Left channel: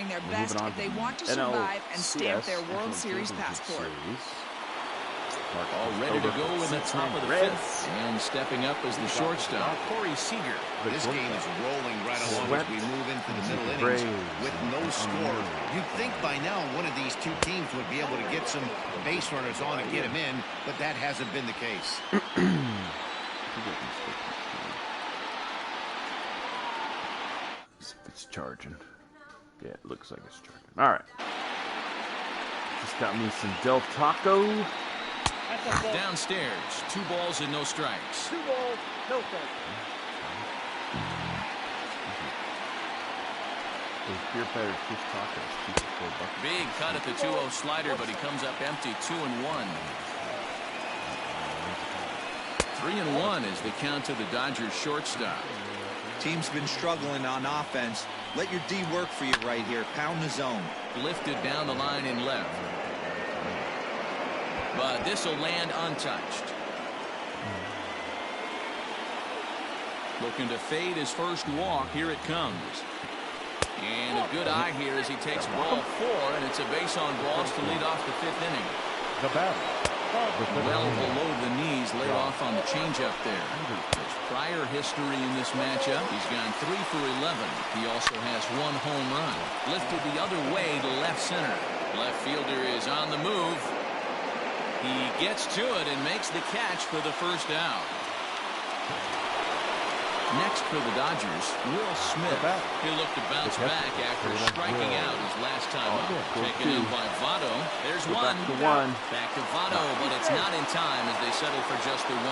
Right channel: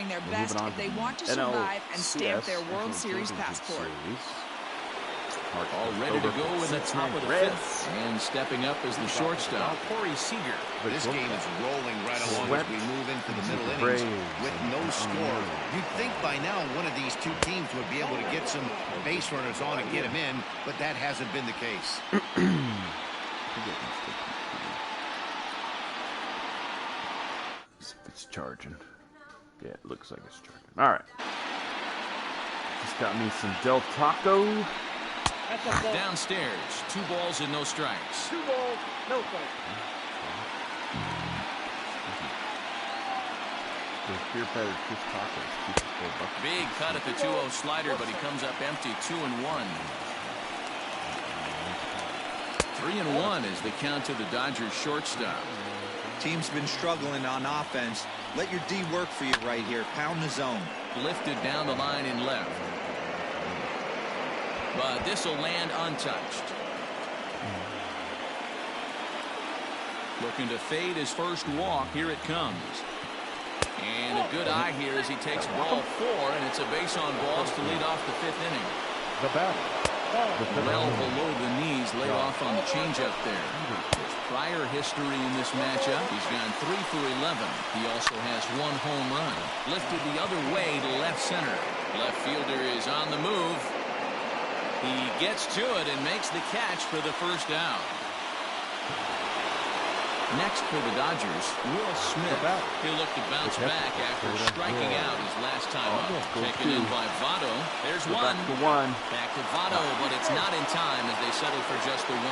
delivering their best if they want to survive and stamp their World Series passport. All ready to go in the top of the fifth. And stepping up as the shortstop, Corey Seager. This game is rolling right along as we move into the middle innings with no score. You'd think by now one of these two teams would be able to get some base runners on and get them in, but that hasn't been the case. See if it's charging. Yeah, it looks like it's charging. All right. Just got me some Del Taco. Downstairs, 2 balls and no strikes. 2 balls, no strikes. Those beer patterns, fish tacos, 2 for $4. Big cut at the 2-0 slider, but he comes up empty, 2-1. 3-1 is the count to the Dodgers shortstop. Team's been struggling on offense. Let your D work for you right here. Pound the zone. Lifted down the line in left. But this will land untouched. Looking to fade his first walk. Here it comes. And a good eye here as he takes ball 4, and it's a base on balls to lead off the 5th inning. The batter. Well below the knees, laid off on the changeup there. His prior history in this matchup, he's gone 3 for 11. He also has 1 home run. Lifted the other way to left center. Left fielder is on the move. He gets to it and makes the catch for the first out. Next for the Dodgers, Will Smith. He'll look to bounce back after striking out his last time up. Taken in by Votto. There's one. Back to Votto, but it's not in time as they settle for just the 1.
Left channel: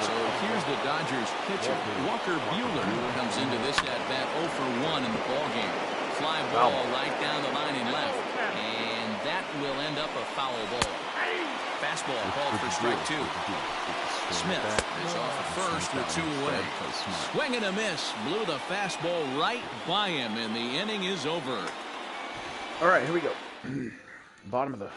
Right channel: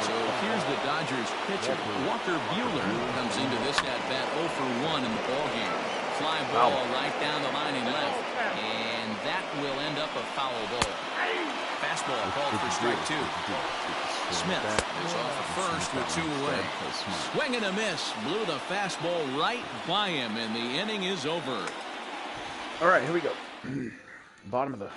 So here's the Dodgers pitcher, Walker Buehler, who comes into this at-bat 0 for 1 in the ballgame. Fly ball right down the line in left, and that will end up a foul ball. Fastball called for strike 2. Smith is off at first with 2 away. Swing and a miss. Blew the fastball right by him, and the inning is over. All right, here we go. Bottom of the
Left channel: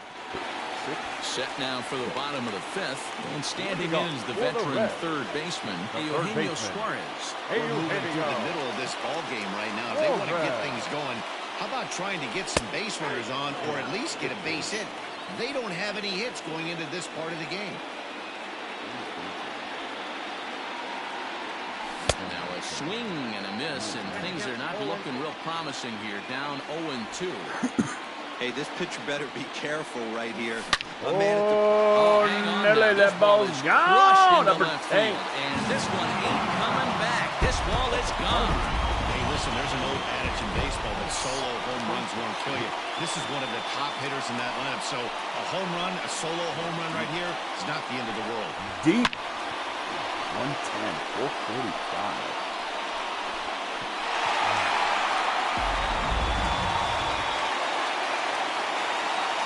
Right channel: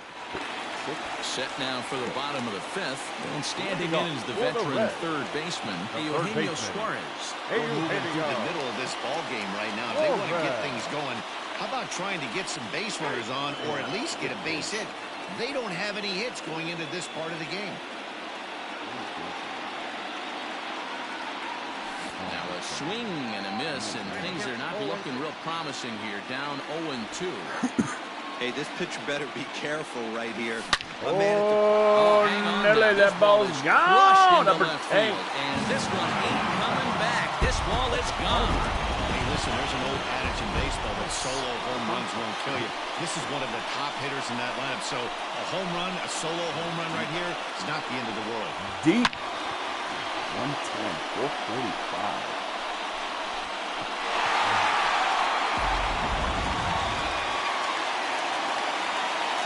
6th. Set now for the bottom of the 5th. And standing in is the veteran third baseman, Eugenio Suarez. We're moving through the middle of this ball game right now. If they want to get things going, how about trying to get some base runners on or at least get a base hit? They don't have any hits going into this part of the game. Now a swing and a miss, and things are not looking real promising here. Down 0-2. Hey, this pitcher better be careful right here. Hang on now. This ball is crushed into left field, and this one ain't coming back. This ball is gone. Hey, listen, there's an old adage in baseball that solo home runs won't kill you. This is one of the top hitters in that lineup, so a home run, a solo home run right here is not the end of the world. Deep. 110, 445.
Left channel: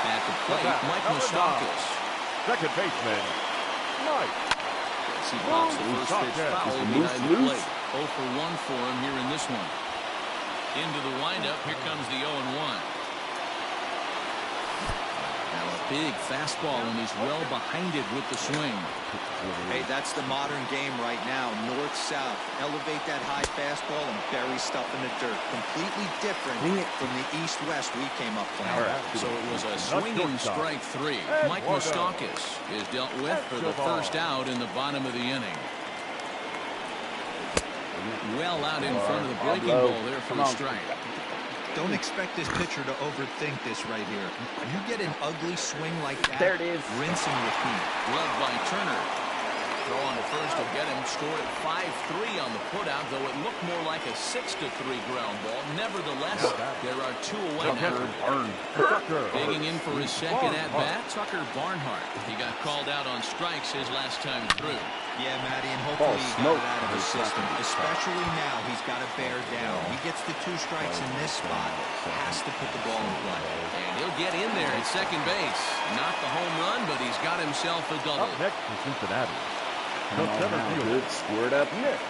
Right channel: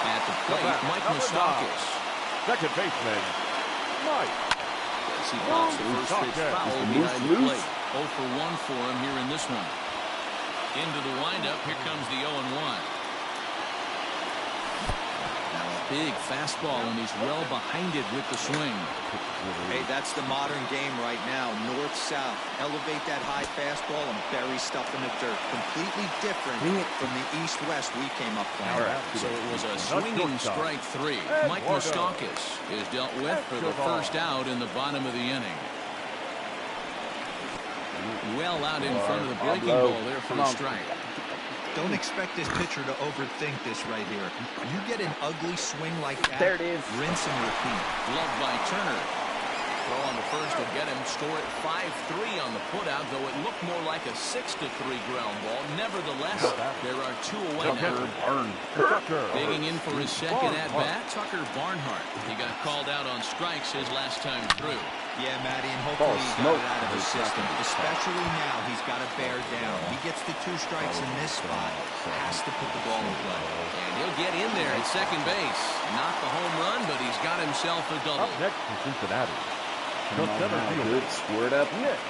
At the plate, Mike Moustakas. Second baseman, Mike. As he pops the first pitch foul behind the plate. 0 for 1 for him here in this one. Into the windup, here comes the 0-1. Now a big fastball, and he's well behind it with the swing. Hey, that's the modern game right now. North-south. Elevate that high fastball and bury stuff in the dirt. Completely different from the east-west we came up playing. Right. So it was a swinging strike 3. Mike Moustakas is dealt with for the first out in the bottom of the inning. Well out in front of the breaking ball there for a strike. Don't expect this pitcher to overthink this right here. When you get an ugly swing like that, there it is. Rinse and repeat. Gloved by Turner. Throw on the first will get him. Score at 5-3 on the putout, though it looked more like a 6-3 ground ball. Nevertheless, there are 2 away now. Digging in for his second at-bat, Tucker Barnhart. He got called out on strikes his last time through. Yeah, Matty, and hopefully he got it out of his system. Especially now, he's got to bear down. He gets the 2 strikes in this spot, has to put the ball in play. And he'll get in there at second base. Not the home run, but he's got himself a double. Up next to Cincinnati. Good, squared up. Nick.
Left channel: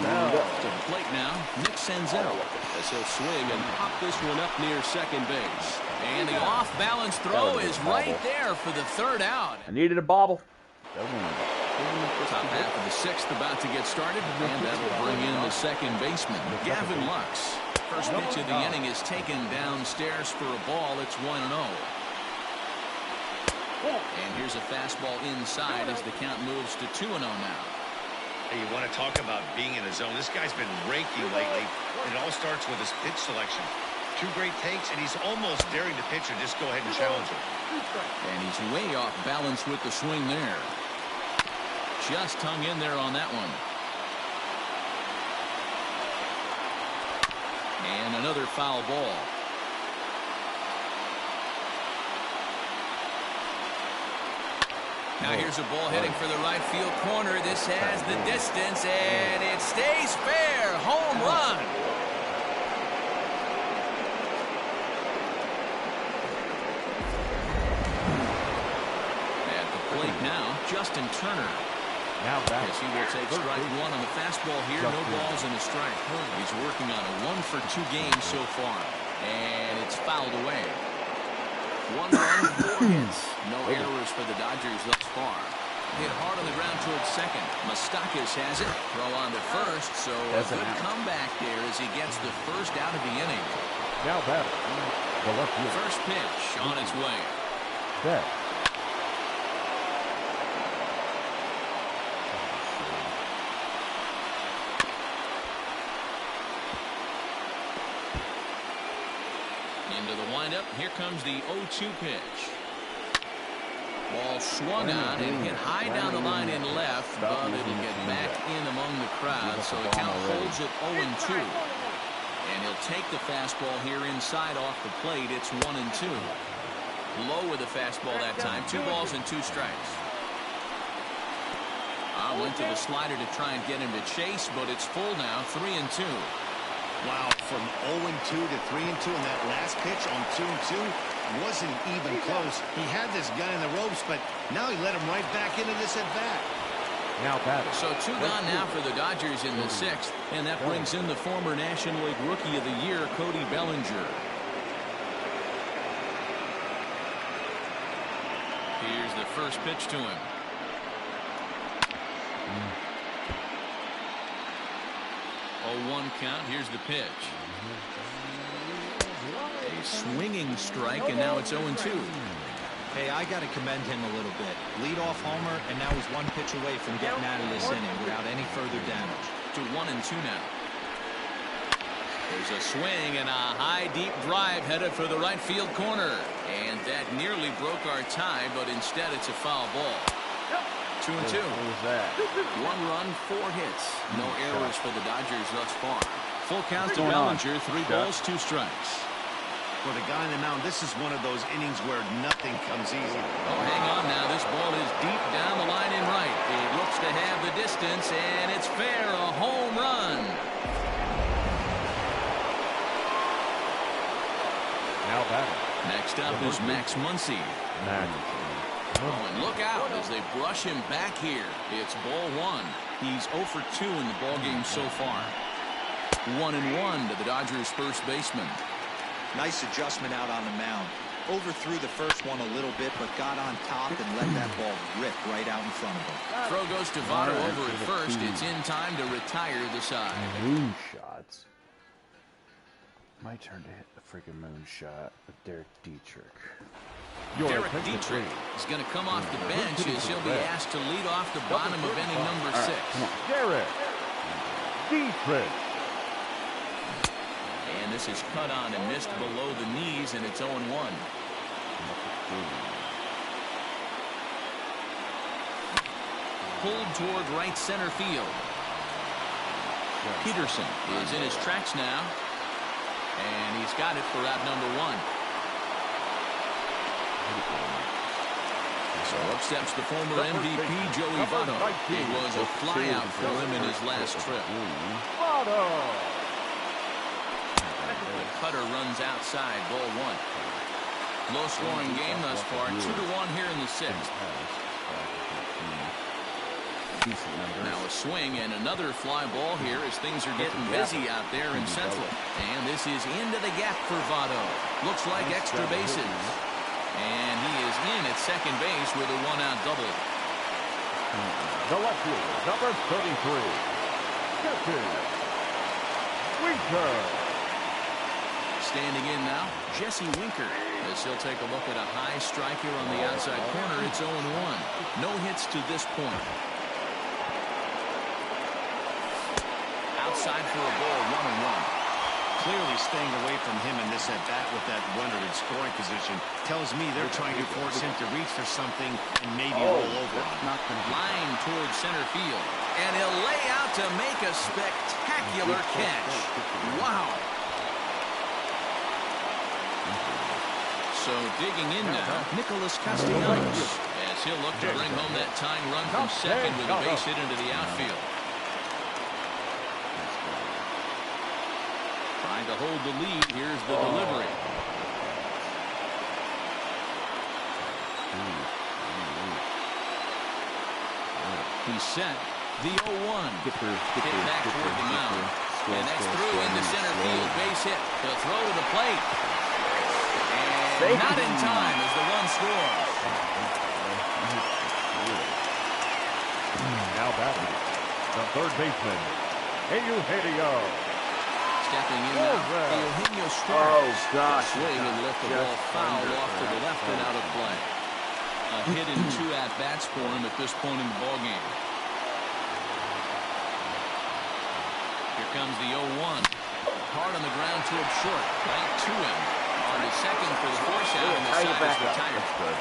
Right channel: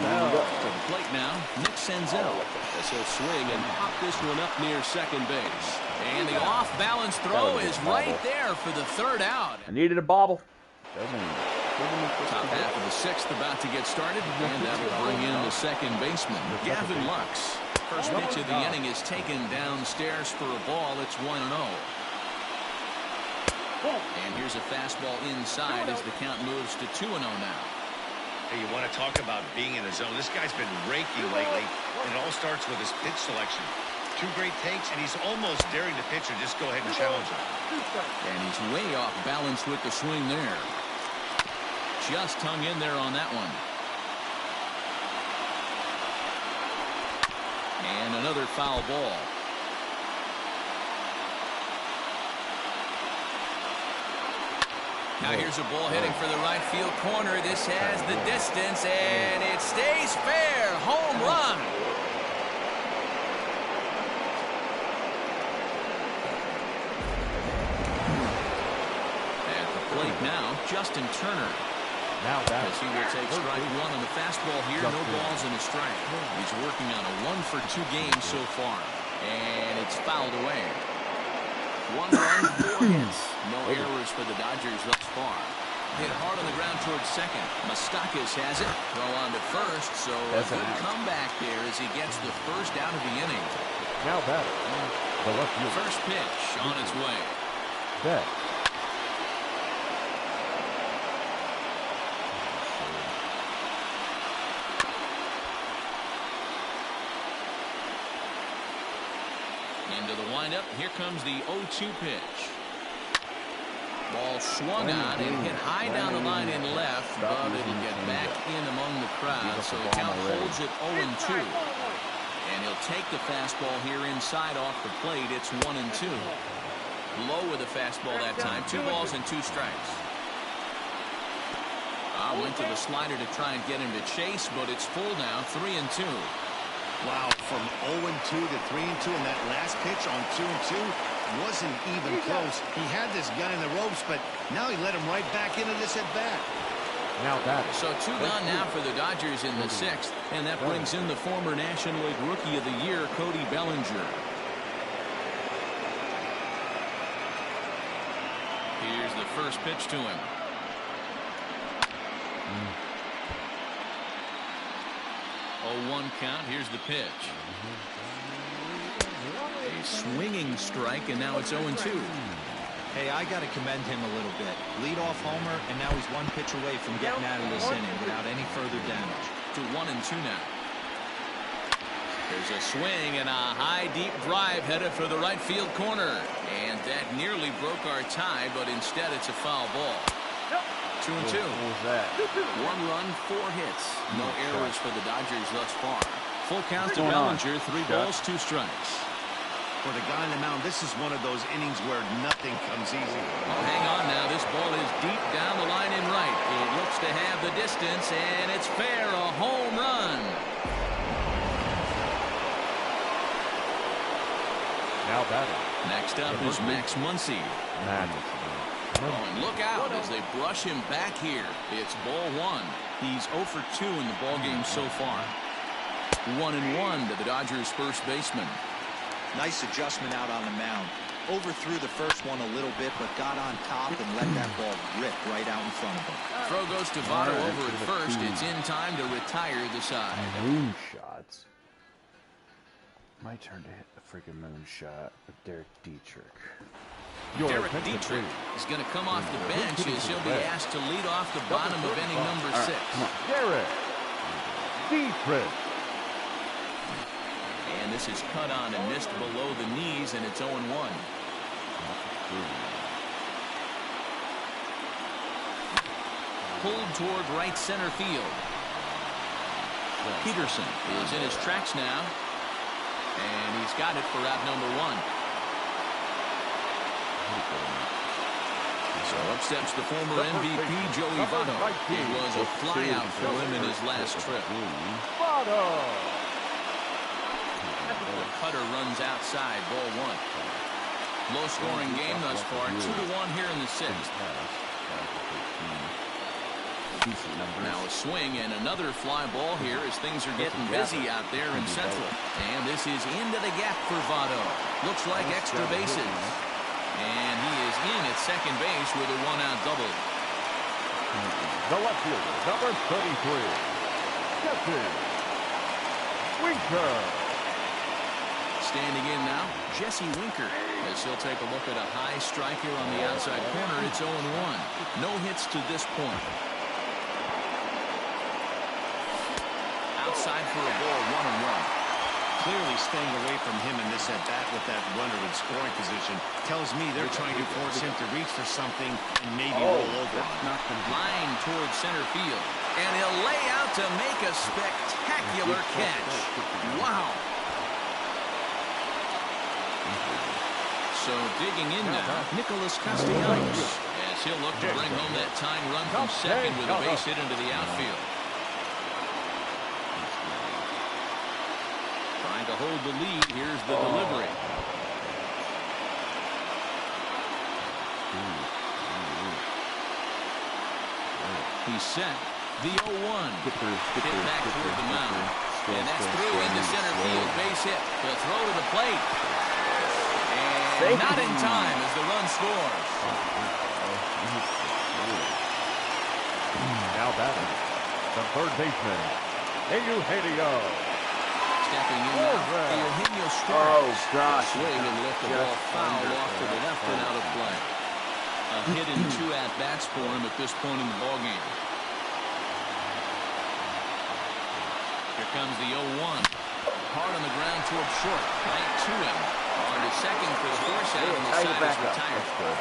Now to the plate now, Nick Senzel. As he'll swing and pop this one up near second base. And the off-balance throw is right there for the 3rd out. I needed a bobble. Top half of the 6th about to get started, and that will bring in the second baseman, Gavin Lux. First pitch of the inning is taken downstairs for a ball. It's 1-0. And here's a fastball inside as the count moves to 2-0 now. Hey, you want to talk about being in a zone? This guy's been raking lately. And it all starts with his pitch selection. 2 great takes, and he's almost daring the pitcher just go ahead and challenge him. And he's way off balance with the swing there. Just hung in there on that one. And another foul ball. Now here's a ball heading for the right field corner. This has the distance, and it stays fair. Home run. At the plate now, Justin Turner. Now that as he will take strike 1 on the fastball here. No balls and a strike. He's working on a 1-for-2 game so far. And it's fouled away. 1 run, 4 hits. No errors for the Dodgers thus far. Hit hard on the ground towards second. Moustakas has it. Throw on to first. So a good comeback there as he gets the first out of the inning. Now batter, the left field. First pitch on its way. Bet. Into the windup. Here comes the 0-2 pitch. Ball swung on and hit high down the line in left, but it'll get back in among the crowd, so the count holds it 0-2. And he'll take the fastball here inside off the plate. It's 1-2. Low with the fastball that time. 2 balls and 2 strikes. Went to the slider to try and get him to chase, but it's full now. 3-2. Wow, from 0-2 to 3-2, and that last pitch on 2-2 wasn't even close. He had this guy in the ropes, but now he let him right back into this at bat. Now batting. So 2 gone now for the Dodgers in the 6th, and that brings in the former National League Rookie of the Year, Cody Bellinger. Here's the first pitch to him. 0-1 count. Here's the pitch. A swinging strike, and now it's 0-2. Hey, I got to commend him a little bit. Leadoff homer, and now he's 1 pitch away from getting out of this inning without any further damage. To 1-2 now. There's a swing and a high deep drive headed for the right field corner. And that nearly broke our tie, but instead it's a foul ball. 2-2. What was that? 1 run, 4 hits. No errors for the Dodgers thus far. Full count to Bellinger. 3 balls, 2 strikes. For the guy on the mound, this is one of those innings where nothing comes easy. Oh, hang on now. This ball is deep down the line in right. It looks to have the distance, and it's fair. A home run. Now batting. Next up is Max Muncy. Oh, and look out as they brush him back here. It's ball 1. He's 0 for 2 in the ballgame so far. 1-1 to the Dodgers' first baseman. Nice adjustment out on the mound. Overthrew the first one a little bit, but got on top and let that ball rip right out in front of him. Throw goes to Votto over at first. It's in time to retire the side. Moonshots. My turn to hit the freaking moonshot with Derek Dietrich. Derek Dietrich is going to come off the bench as he'll be asked to lead off the bottom of inning number 6. Derek Dietrich. And this is cut on and missed below the knees, and it's 0-1. Pulled toward right center field. Peterson is in his tracks now, and he's got it for out number 1. So up steps the former MVP, Joey Votto. It was a flyout for him in his last trip. The cutter runs outside, ball 1. Low-scoring game thus far, 2-1 here in the 6th. Now a swing and another fly ball here as things are getting busy out there in Central. And this is into the gap for Votto. Looks like extra bases. And he is in at second base with a 1-out double. The left fielder, number 33, Captain Winker. Standing in now, Jesse Winker, as he'll take a look at a high strike here on the outside corner. It's 0-1. No hits to this point. Outside for a ball, 1-1. Clearly staying away from him in this at-bat with that runner in scoring position tells me they're trying to force him to reach for something and maybe roll over on. Line towards center field. And he'll lay out to make a spectacular catch. Wow. So digging in now, Nicholas Castellanos, as he'll look to bring home that tying run from second with a base hit into the outfield. Trying to hold the lead. Here's the delivery. He's set. The 0-1. Hit back toward the mound. And that's through into center field. Base hit. He'll throw to the plate. And not in time as the run scores. Now batting, the third baseman, Eugenio. Stepping in now, Eugenio strikes. Swing and lift the ball foul off to the left and out of play. A hit in 2 at-bats for him at this point in the ballgame. Here comes the 0-1. Hard on the ground to up short. Right to him. On to second for the force out, and the side is retired. That's good.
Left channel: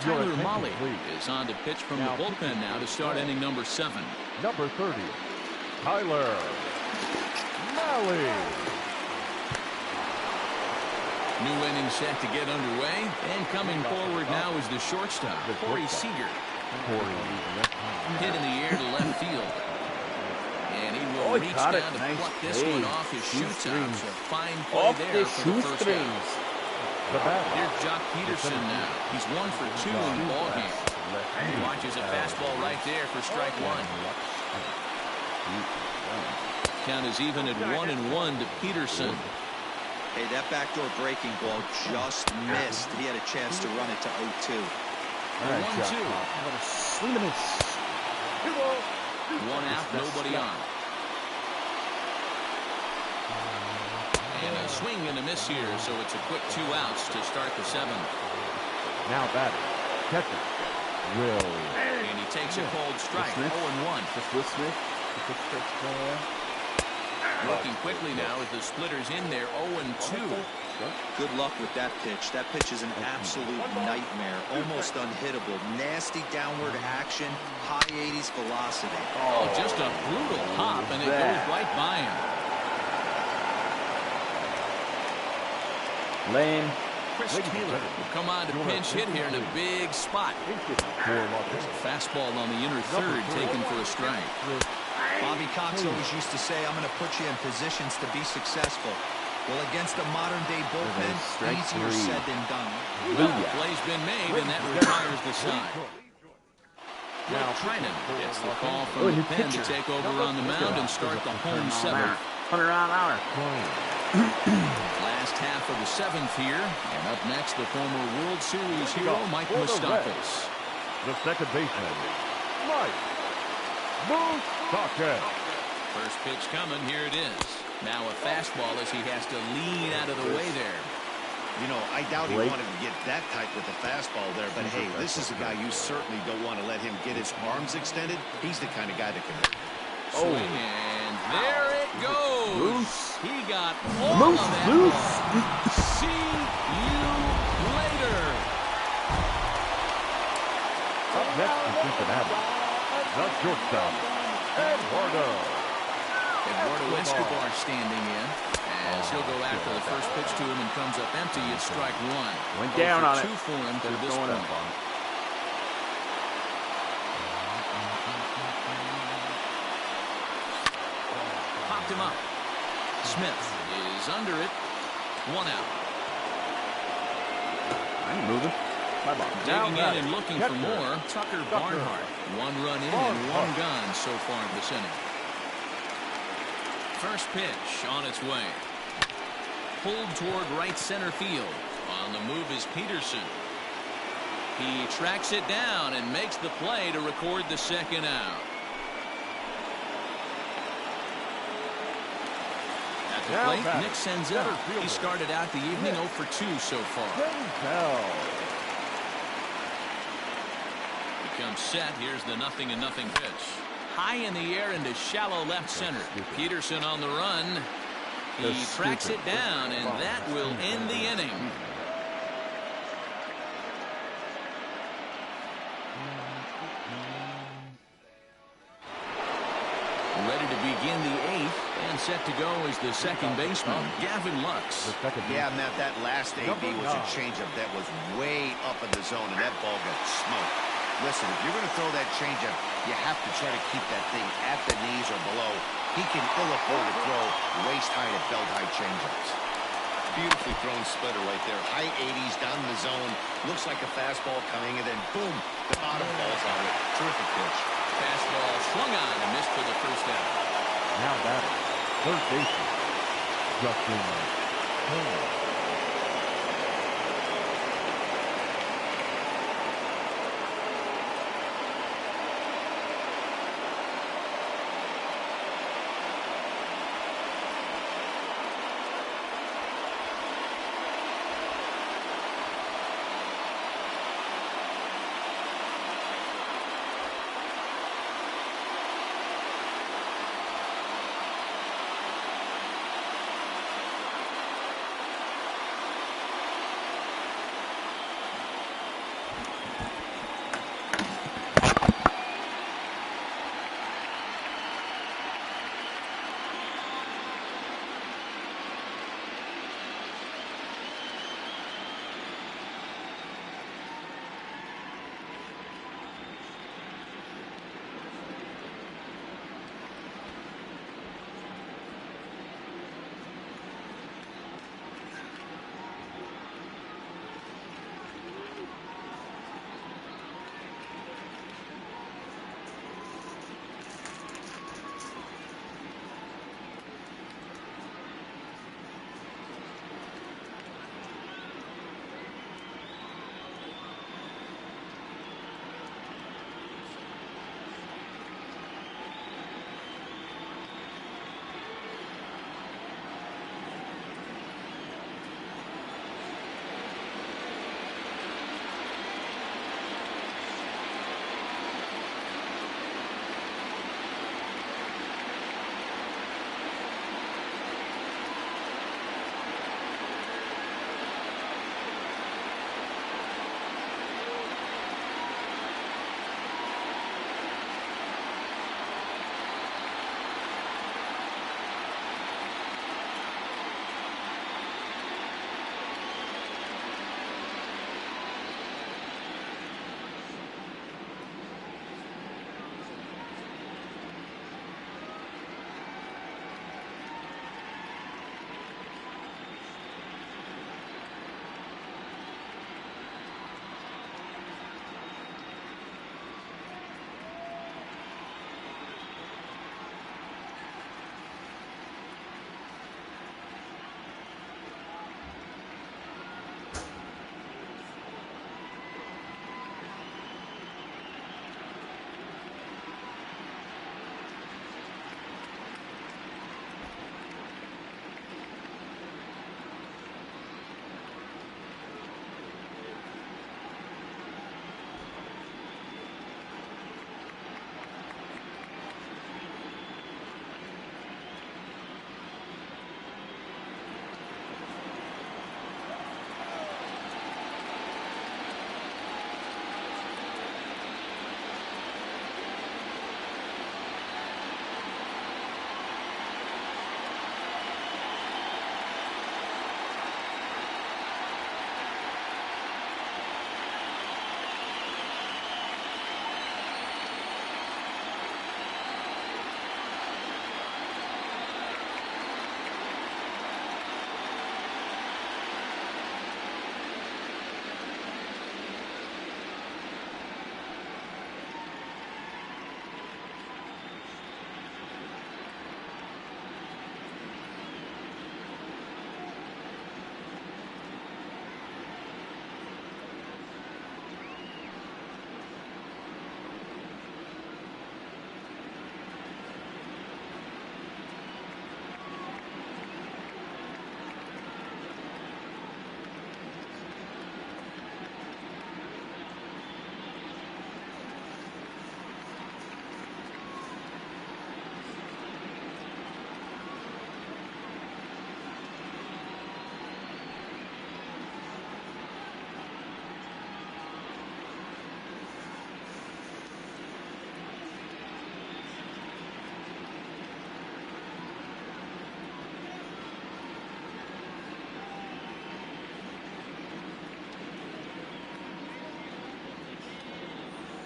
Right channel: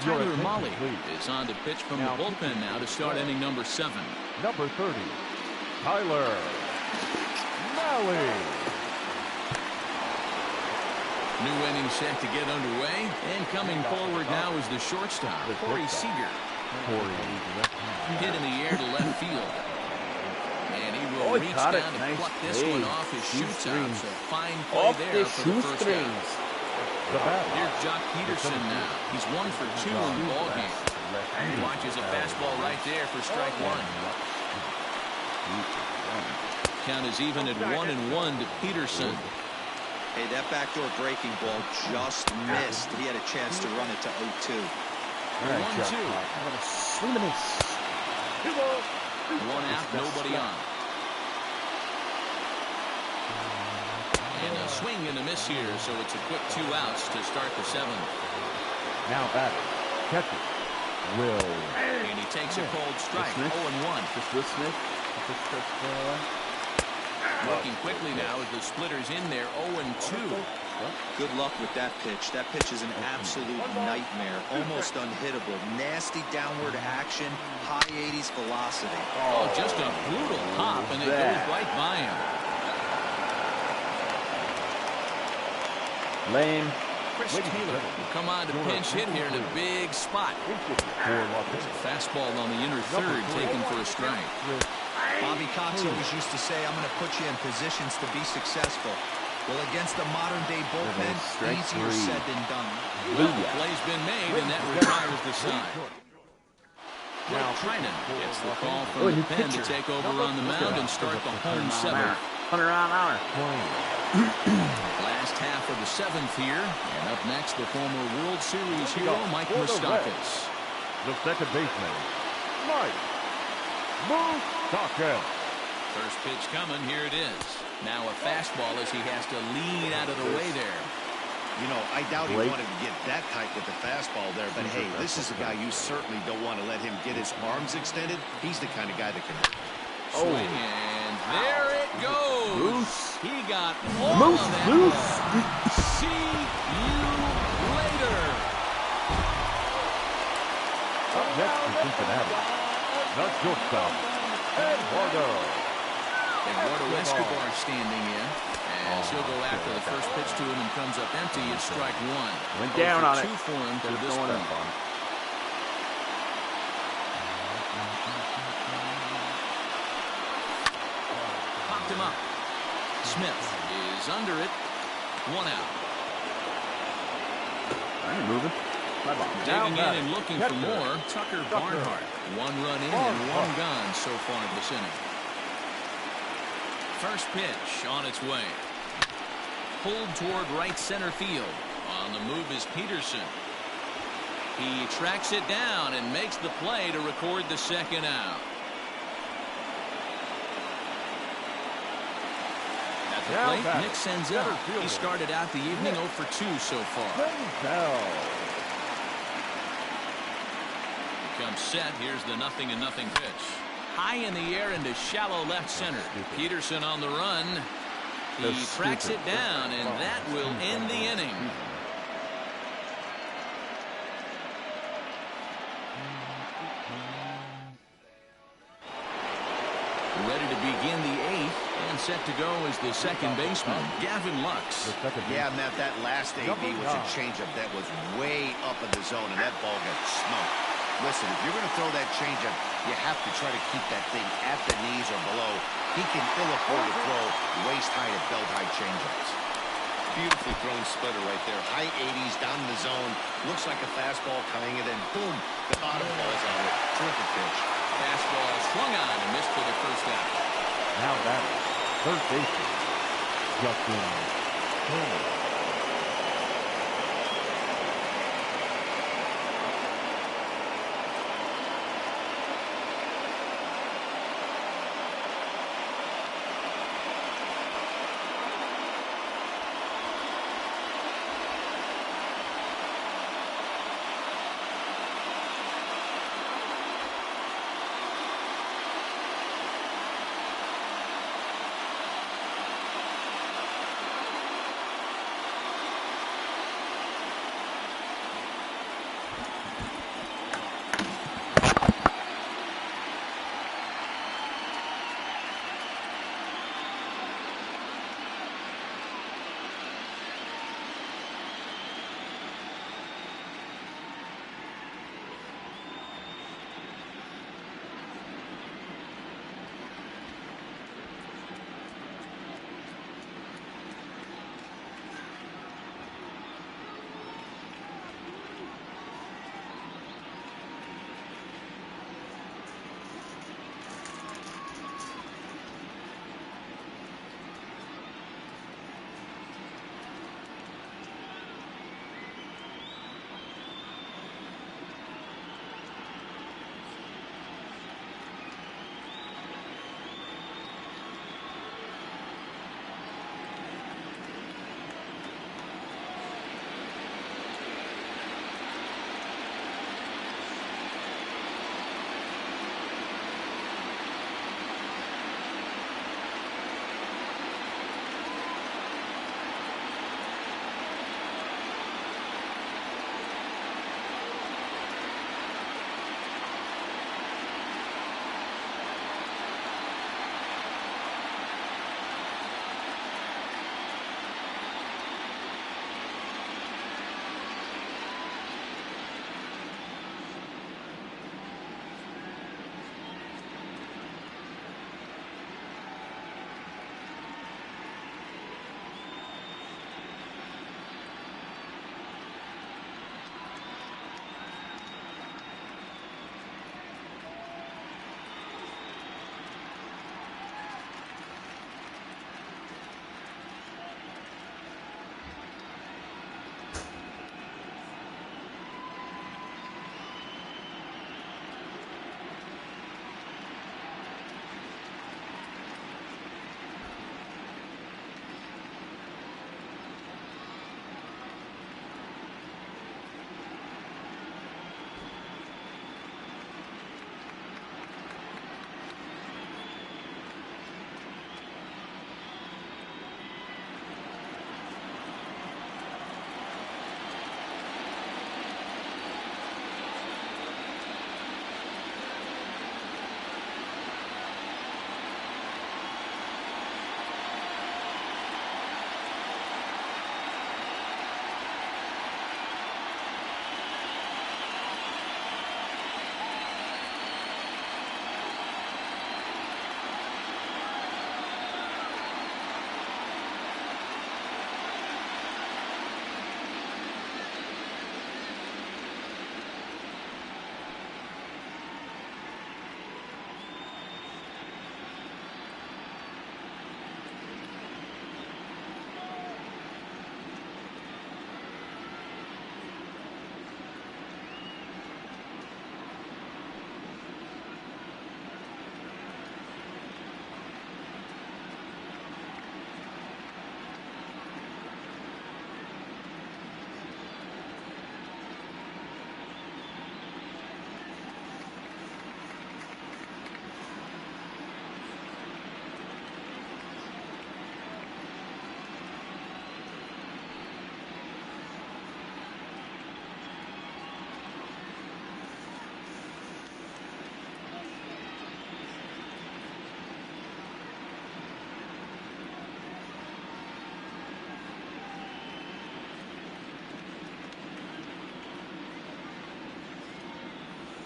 Tyler Molly is on to pitch from the bullpen now to start inning number 7. Number 30, Tyler Molly. New inning set to get underway, and coming forward now is the shortstop, Corey Seager. Hit in the air to left field. And he will reach down to pluck this one off his shoot-outs. A fine play there for the first out. Here's Jock Peterson now. He's 1 for 2 in the ballgame. He watches a fastball right there for strike 1. Count is even at 1-1 to Peterson. Hey, that backdoor breaking ball just missed. He had a chance to run it to 0-2. 1-2. One out, nobody on. And a swing and a miss here, so it's a quick 2 outs to start the 7th. Now batting, catcher, Will. And he takes a cold strike, 0-1. Just Will Smith. Working quickly now as the splitter's in there, 0-2. Good luck with that pitch. That pitch is an absolute nightmare. Almost unhittable. Nasty downward action. High 80s velocity. Oh, just a brutal hop, and it goes right by him. Lane. Chris Taylor will come on to pinch hit here in a big spot. There's a fastball on the inner third taken for a strike. Bobby Cox always used to say, I'm going to put you in positions to be successful. Well, against a modern-day bullpen, easier said than done. Well, the play's been made, and that retires the side. Blake Trinan gets the call from the pen to take over on the mound and start the home 7th. 100-mile-an-hour. Last half of the 7th here, and up next, the former World Series hero, Mike Moustakas. The second baseman, Mike Moustakas. First pitch coming, here it is. Now a fastball as he has to lean out of the way there. You know, I doubt he wanted to get that tight with the fastball there, but hey, this is a guy you certainly don't want to let him get his arms extended. He's the kind of guy that can hurt. Swing, and there it goes. Loose. He got all of that ball. See you later. Up next to Cincinnati, the shortstop, Eduardo Escobar standing in as he'll go after the first pitch to him and comes up empty. It's strike 1. Went down on it. 2 for him to this point. Up on it. Popped him up. Smith is under it. 1 out. I ain't moving. My ball. Digging in and looking for more. Tucker Barnhart. 1 run in and 1 gone so far this inning. First pitch on its way. Pulled toward right center field. On the move is Peterson. He tracks it down and makes the play to record the second out. At the plate, Nick Senzel. He started out the evening 0 for 2 so far. He comes set. Here's the 0-0 pitch. High in the air into shallow left center. Peterson on the run. He tracks it down, and that will end the inning. Ready to begin the 8th, and set to go is the second baseman, Gavin Lux. Yeah, Matt, that last AB was a changeup that was way up in the zone, and that ball got smoked. Listen, if you're going to throw that changeup, you have to try to keep that thing at the knees or below. He can ill afford to throw waist-high to belt-high changeups. Beautifully thrown splitter right there. High 80s down in the zone. Looks like a fastball coming, and then boom, the bottom falls on it. Terrific pitch. Fastball swung on and missed for the first out. Now batting, third baseman, Justin Turner.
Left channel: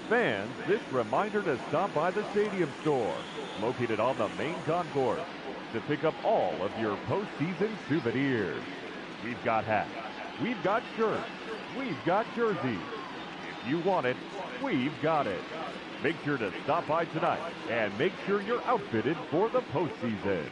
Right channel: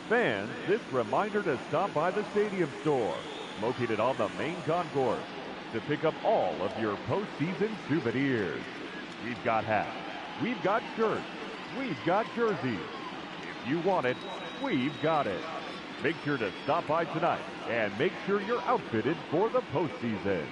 Fans, this reminder to stop by the Stadium Store, located on the main concourse, to pick up all of your postseason souvenirs. We've got hats, we've got shirts, we've got jerseys. If you want it, we've got it. Make sure to stop by tonight and make sure you're outfitted for the postseason.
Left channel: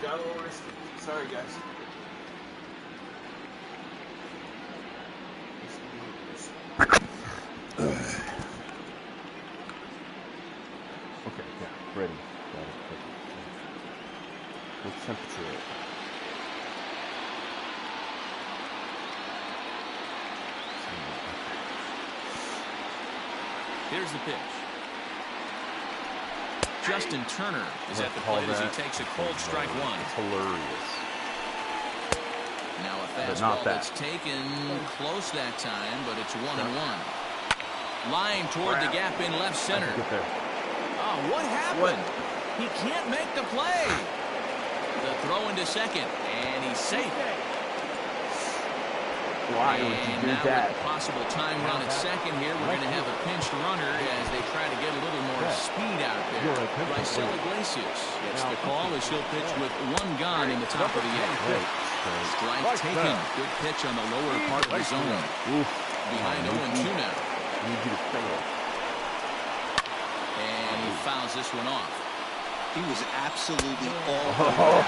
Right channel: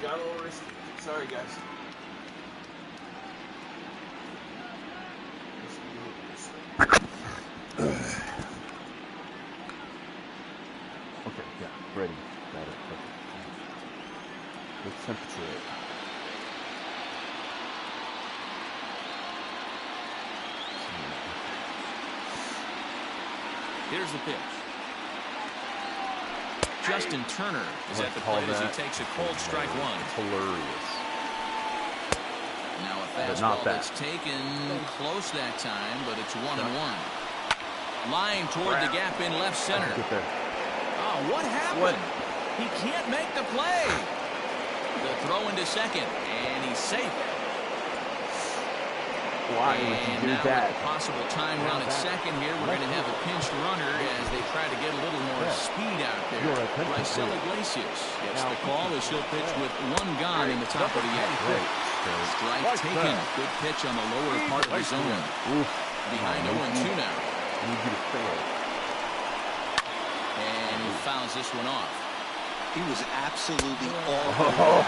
Got a little risky. Sorry, guys. Okay, yeah, ready. Got it. Perfect. What's temperature at? Here's the pitch. Justin Turner is at the plate as he takes a cold strike one. It's hilarious. Now a fastball that's taken close that time, but it's 1-1. Line toward the gap in left center. Oh, what happened? He can't make the play. The throw into second, and he's safe. Why would you do that? With the possible time run at second here, we're going to have a pinched runner as they try to get a little more speed out there. Raisel Iglesias gets the call as he'll pitch with one gone in the top of the eighth. Strike taken. Good pitch on the lower part of the zone. Behind 0-2 now. I need you to fail. And he fouls this one off. He was absolutely all over that.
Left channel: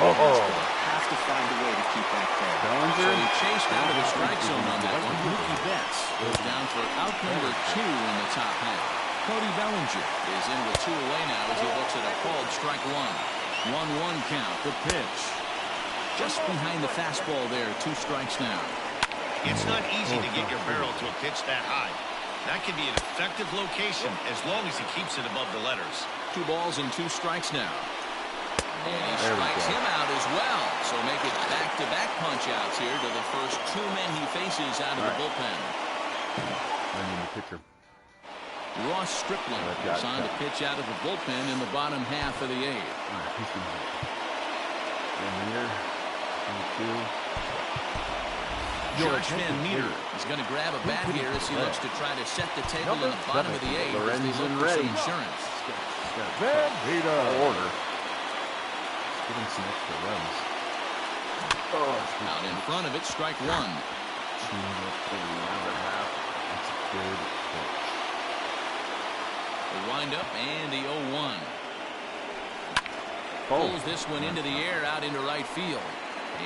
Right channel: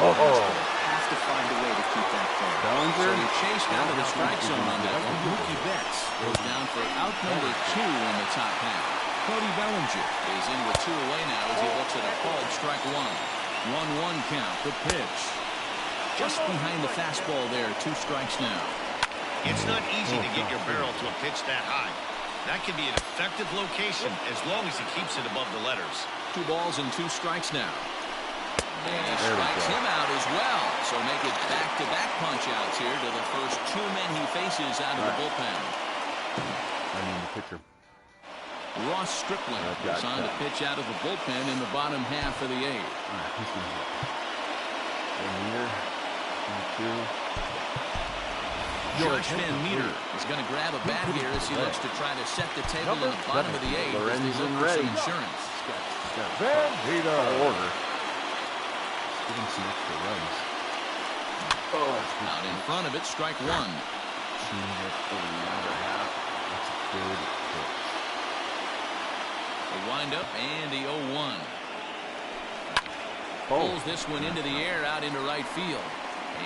Have to find a way to keep that fair. So he chased out of the strike zone on that one. Mookie Betts goes down for out number 2 in the top half. Cody Bellinger is in with 2 away now as he looks at a called strike one. 1-1 count. The pitch. Just behind the fastball there. 2 strikes now. It's not easy to get your barrel to a pitch that high. That can be an effective location as long as he keeps it above the letters. 2 balls and 2 strikes now. And he strikes him out as well. So make it back-to-back punch-outs here to the first 2 men he faces out of the bullpen. I need the pitcher. Ross Stripling is on to pitch out of the bullpen in the bottom half of the 8th. All right, who's going to hit? In here. 22. Josh Van Meter is going to grab a bat here as he looks to try to set the table in the bottom of the 8th as they look for some insurance. Van Meter. Order. Give him some extra runs. Out in front of it, strike one. Change up over the outer half. That's a good pitch. The windup and the 0-1. Pulls this one into the air out into right field.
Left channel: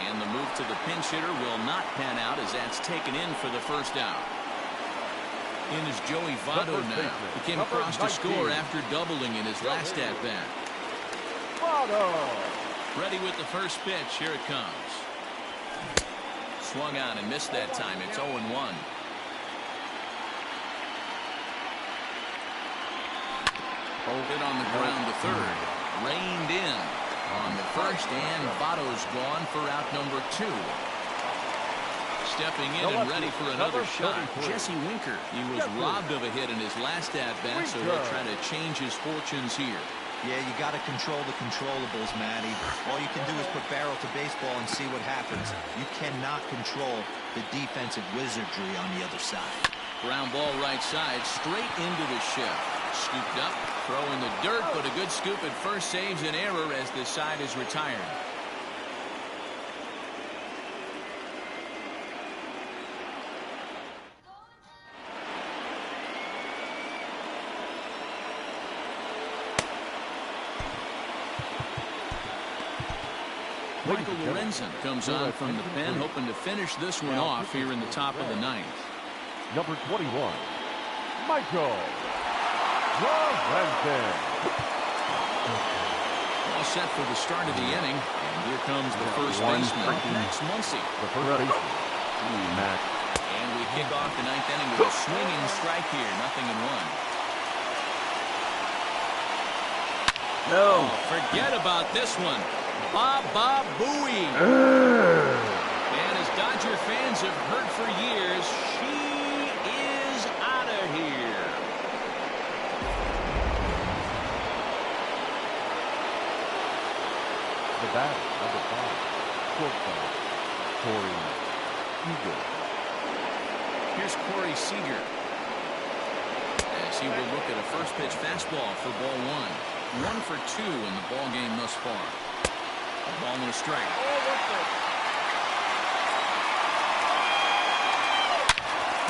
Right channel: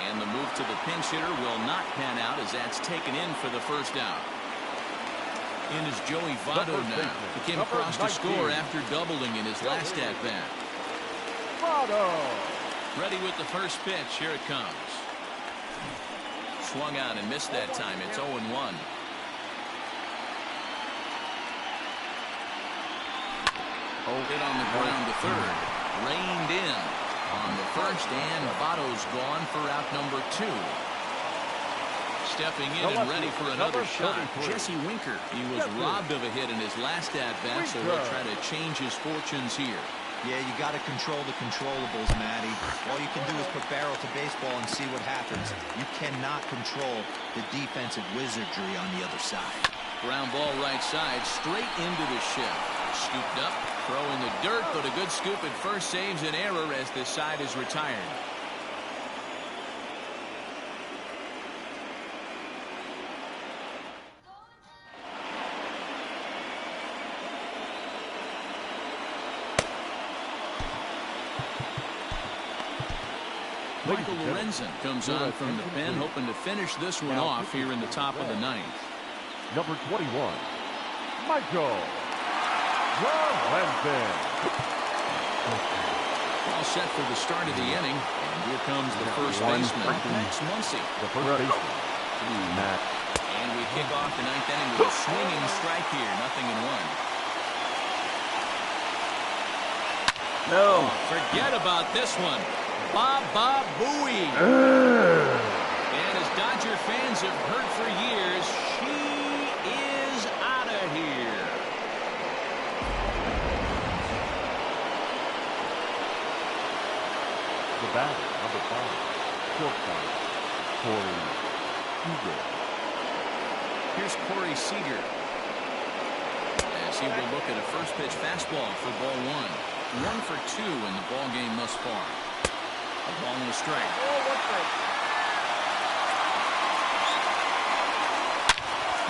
And the move to the pinch hitter will not pan out as that's taken in for the first out. In is Joey Votto now. He came across to score after doubling in his last at-bat. Votto. Ready with the first pitch. Here it comes. Swung on and missed that time. It's 0-1. Hit on the ground to third. Reined in on the first, and Votto's gone for out number 2. Stepping in and ready for another shot, Jesse Winker. He was robbed of a hit in his last at-bat, so he'll try to change his fortunes here. Yeah, you got to control the controllables, Matty. All you can do is put barrel to baseball and see what happens. You cannot control the defensive wizardry on the other side. Ground ball right side, straight into the shift. Scooped up, throw in the dirt, but a good scoop at first saves an error as the side is retired. Michael Lorenzen comes on from the pen, hoping to finish this one off here in the top of the ninth. Number 21, Michael Lorenzen. All set for the start of the inning, and here comes the first baseman, Max Muncy. The first baseman, Max. And we kick off the ninth inning with a swinging strike here, 0-1. No. Oh, forget about this one. Baba Booey. And as Dodger fans have heard for years, she is out of here. The batter, number 5, shortstop, Corey Seager. Here's Corey Seager, as he will look at a first pitch fastball for ball 1. 1 for 2 in the ball game thus far. A ball and a strike.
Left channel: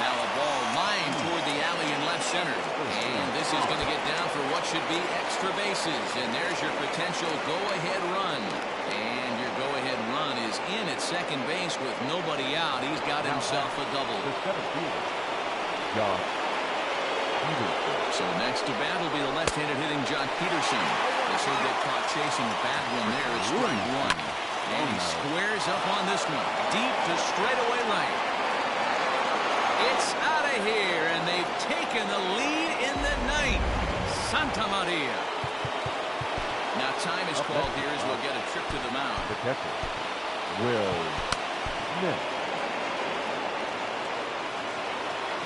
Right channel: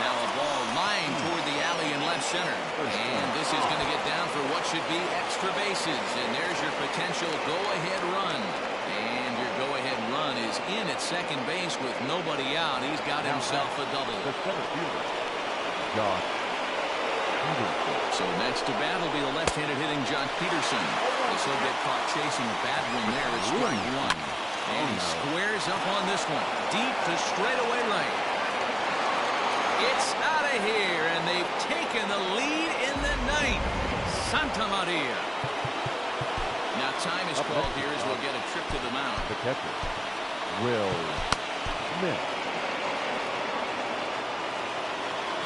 Now a ball lined toward the alley in left center. And this is going to get down for what should be extra bases. And there's your potential go-ahead run. And your go-ahead run is in at second base with nobody out. He's got himself a double. The center fielder, Josh Peterson. So next to bat will be the left-handed hitting Jock Peterson. As he'll get caught chasing a bad one there at strike 1. And he squares up on this one. Deep to straightaway right. It's out of here, and they've taken the lead in the ninth. Santa Maria. Now time is called here as we'll get a trip to the mound. The catcher, Will Smith.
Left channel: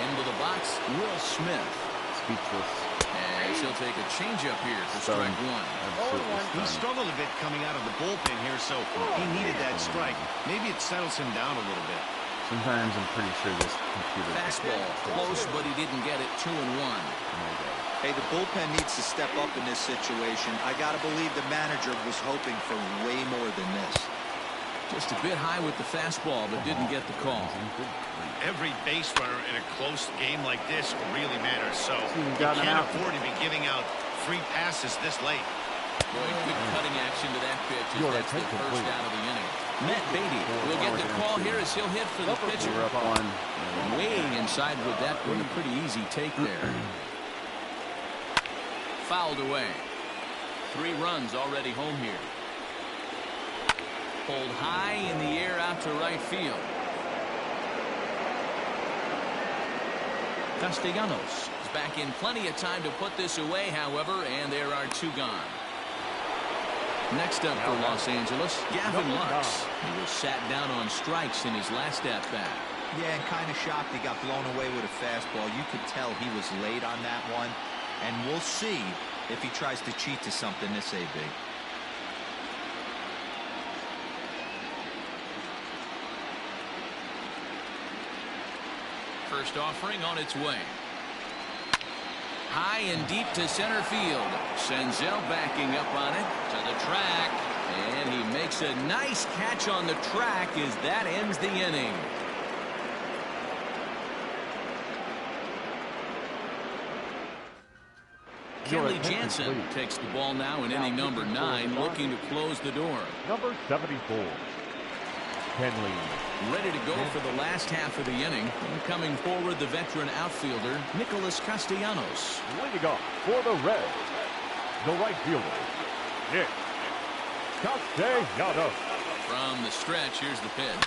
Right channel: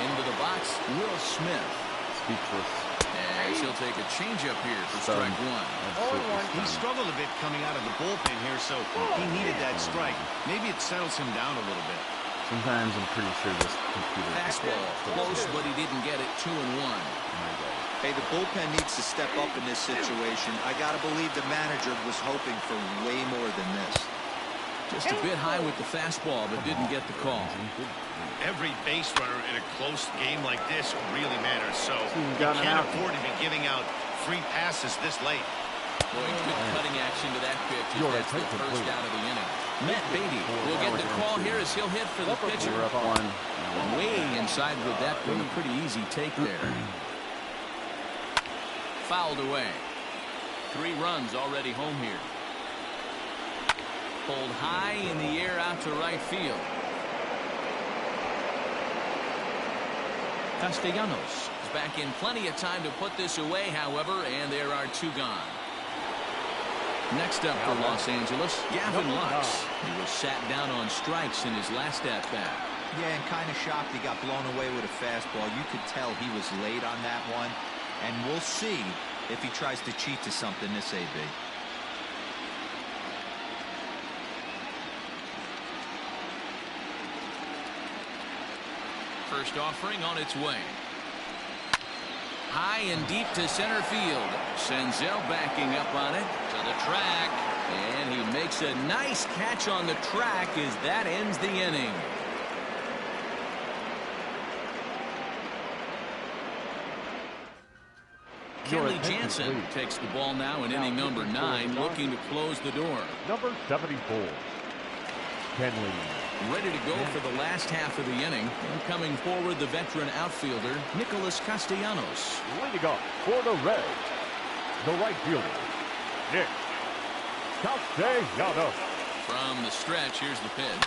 Into the box, Will Smith. Speechless. As he'll take a changeup here for strike 1. He struggled a bit coming out of the bullpen here, so he needed that strike. Maybe it settles him down a little bit. Sometimes I'm pretty sure this computer. Fastball close, but he didn't get it. 2-1. Hey, the bullpen needs to step up in this situation. I got to believe the manager was hoping for way more than this. Just a bit high with the fastball, but didn't get the call. Every base runner in a close game like this really matters, so you can't afford to be giving out free passes this late. Boy, good cutting action to that pitch as that's the first out of the inning. Matt Beatty will get the call here as he'll hit for the pitcher. We're up 1. Way inside with that one. A pretty easy take there. Fouled away. 3 runs already home here. Pulled high in the air out to right field. Castellanos is back in plenty of time to put this away, however, and there are 2 gone. Next up for Los Angeles, Gavin Lux. He was sat down on strikes in his last at-bat. Yeah, and kind of shocked he got blown away with a fastball. You could tell he was late on that one. And we'll see if he tries to cheat to something this AB. First offering on its way. High and deep to center field. Senzel backing up on it to the track. And he makes a nice catch on the track as that ends the inning. Kenley Jansen takes the ball now in inning number 9, looking to close the door. Number 74, Kenley. Ready to go for the last half of the inning. And coming forward, the veteran outfielder, Nicholas Castellanos. Leading off for the Reds, the right fielder, Nick Castellanos. From the stretch, here's the pitch.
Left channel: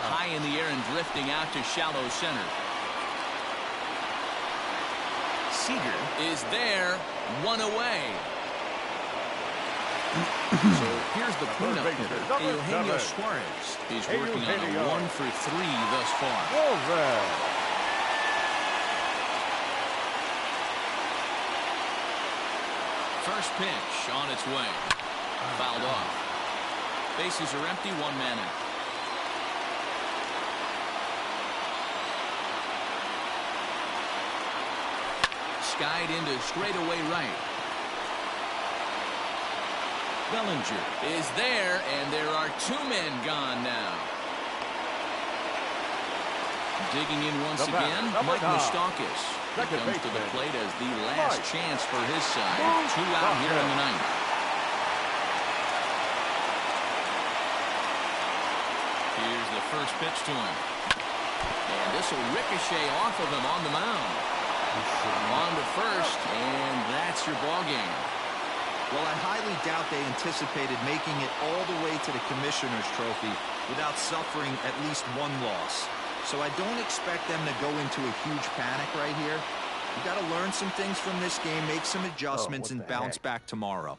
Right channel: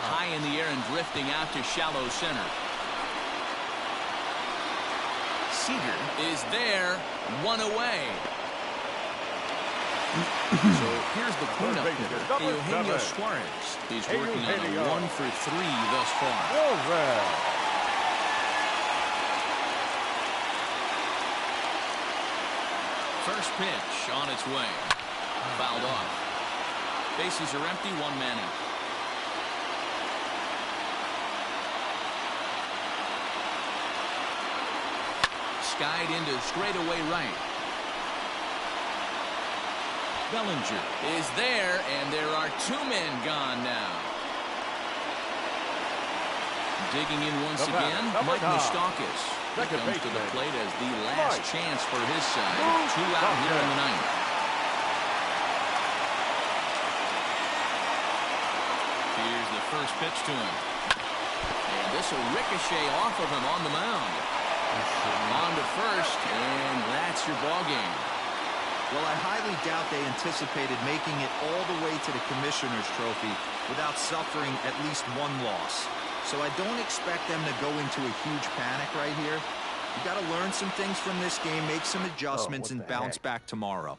High in the air and drifting out to shallow center. Seager is there, 1 away. So Here's the cleanup hitter, Eugenio Suarez. He's working on a 1-for-3 thus far. First pitch on its way. Fouled off. Bases are empty, one man out. Skied into straightaway right. Bellinger is there, and there are two men gone now. Digging in once again, Mike Moustakas. He comes to the plate as the last chance for his side. 2 out here in the ninth. Here's the first pitch to him. And this will ricochet off of him on the mound. On to first, and that's your ball game. Well, I highly doubt they anticipated making it all the way to the Commissioner's Trophy without suffering at least one loss. So I don't expect them to go into a huge panic right here. You got to learn some things from this game, make some adjustments, and bounce back tomorrow.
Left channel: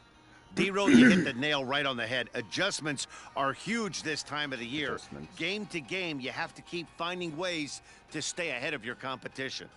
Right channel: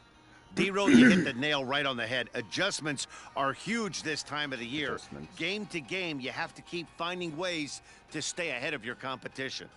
D-Roll, you hit the nail right on the head. Adjustments are huge this time of the year. Game to game, you have to keep finding ways to stay ahead of your competition.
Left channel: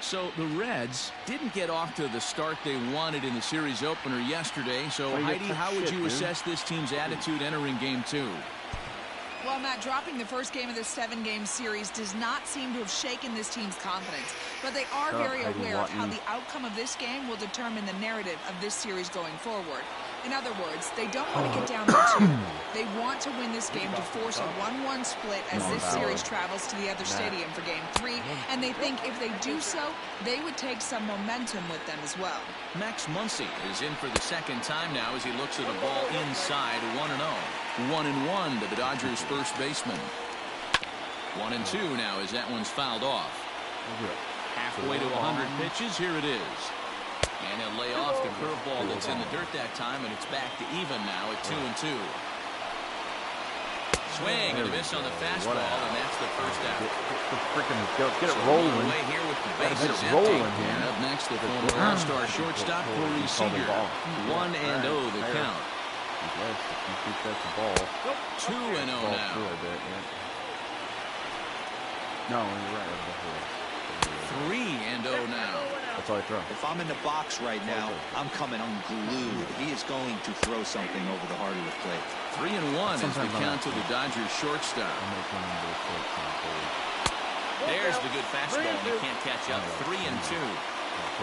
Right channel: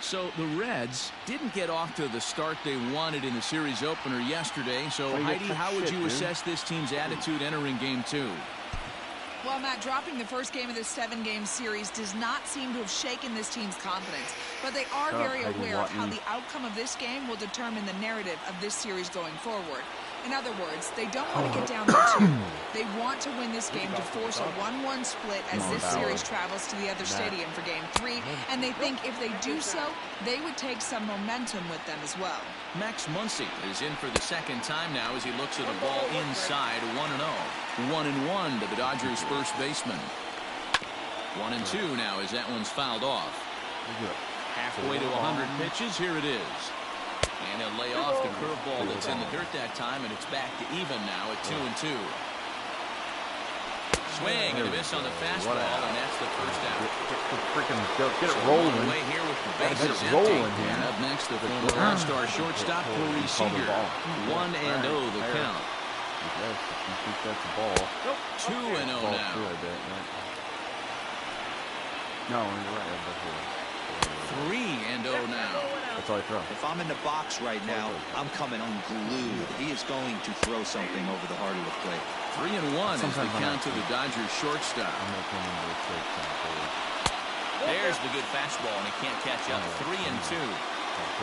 So the Reds didn't get off to the start they wanted in the series opener yesterday. So, Heidi, how would you assess this team's attitude entering Game 2? Well, Matt, dropping the first game of this 7-game series does not seem to have shaken this team's confidence. But they are very aware of how the outcome of this game will determine the narrative of this series going forward. In other words, they don't want to get down there too. They want to win this game to force a 1-1 split as this series travels to the other stadium for Game 3. And they think if they do so, they would take some momentum with them as well. Max Muncy is in for the second time now as he looks at a ball inside 1-0. 1-1 to the Dodgers' first baseman. 1-2 now as that one's fouled off. Halfway to 100 pitches, here it is. And he'll lay off the curveball that's in the dirt that time, and it's back to even now at 2-2. Swing and a miss on the fastball, and that's the first out. Get it rolling. Away here with the bases empty. And up next, the former All-Star shortstop Corey Seager. 1-0 the count. Yes, if you think that's a ball. 2-0 now. No, you're right. 3-0 now. That's all I throw. If I'm in the box right now, I'm coming unglued. He is going to throw something over the heart of the plate. 3-1 is the count to the Dodgers shortstop. There's the good fastball, and he can't catch up. 3-2.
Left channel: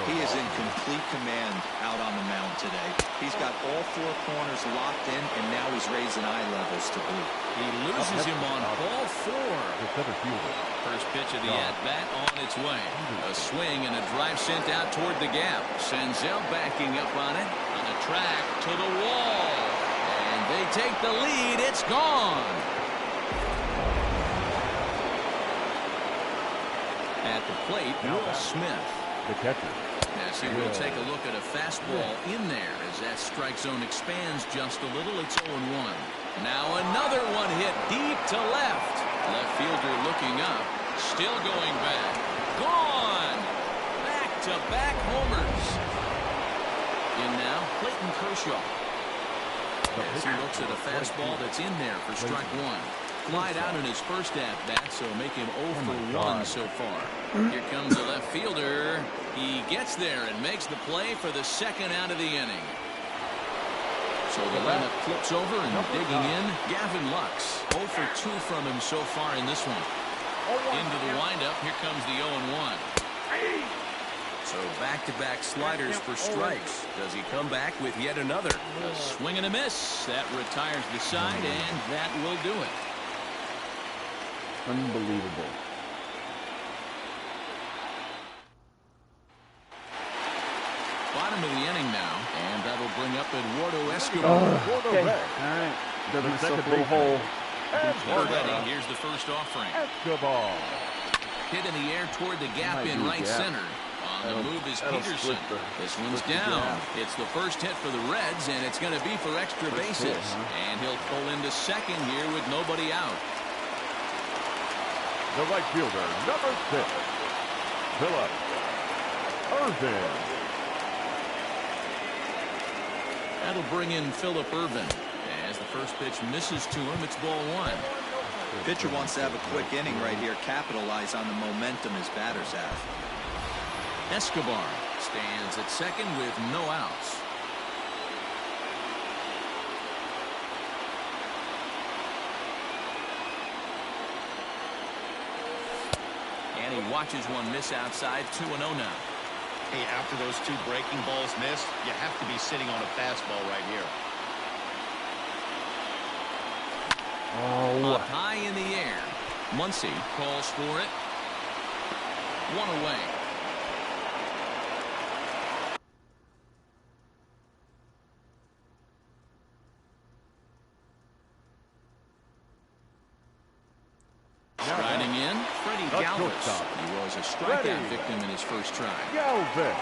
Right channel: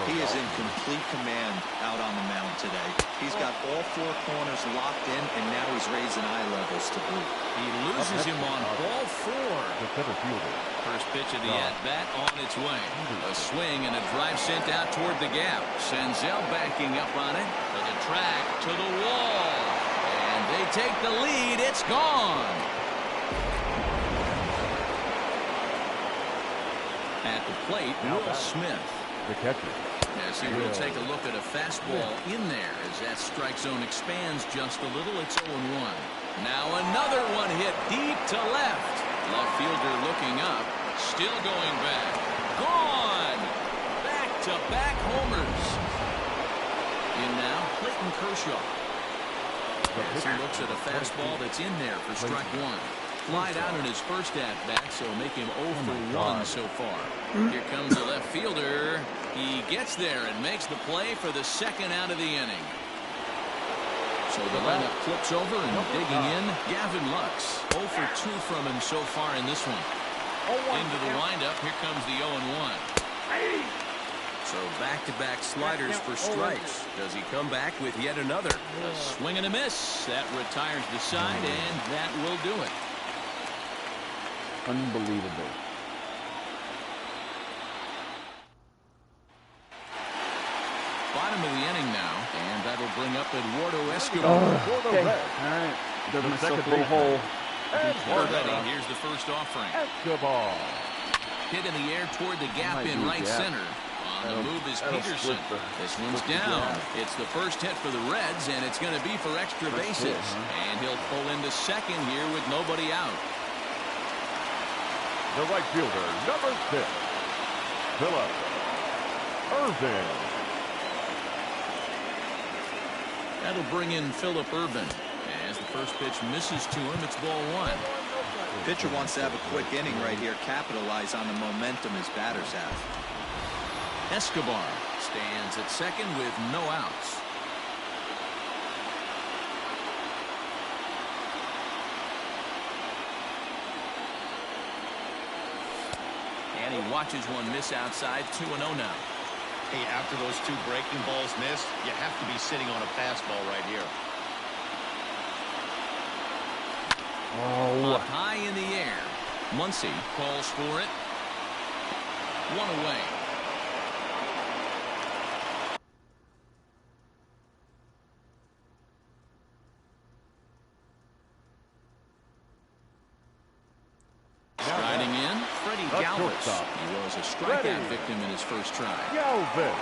He is in complete command out on the mound today. He's got all 4 corners locked in, and now he's raising eye levels to blue. He loses him on ball 4. First pitch of the at-bat on its way. A swing and a drive sent out toward the gap. Senzel backing up on it. To the track, to the wall. And they take the lead. It's gone. At the plate, Will Smith. The catcher. As he will take a look at a fastball in there as that strike zone expands just a little. It's 0-1. Now another one hit deep to left. Left fielder looking up. Still going back. Gone. Back-to-back homers. In now, Clayton Kershaw. As he looks at a fastball that's in there for strike 1. Flied out in his first at-bat, so make him 0 for 1 so far. Here comes the left fielder. He gets there and makes the play for the second out of the inning. So the lineup flips over and digging in, Gavin Lux. 0 for 2 from him so far in this one. Into the windup, here comes the 0-1. So back-to-back sliders for strikes. Does he come back with yet another? A swing and a miss. That retires the side, and that will do it. Unbelievable. Bottom of the inning now, and that'll bring up Eduardo Escobar. Okay. All right. Dug myself a little hole. He's ready. Here's the first offering. Escobar. Hit in the air toward the gap in right center. On the move is Peterson. This one's down. It's the first hit for the Reds, and it's going to be for extra bases. And he'll pull into second here with nobody out. The right fielder, number 6, Philip Irvin. That'll bring in Philip Irvin. As the first pitch misses to him, it's ball 1. The pitcher wants to have a quick inning right here, capitalize on the momentum his batters have. Escobar stands at second with no outs. And he watches one miss outside. 2-0 now. Hey, after those 2 breaking balls missed, you have to be sitting on a fastball right here. Up high in the air. Muncy calls for it. 1 away. Striding in, Freddie Galvis. He was a strikeout victim in his first try. Galvis.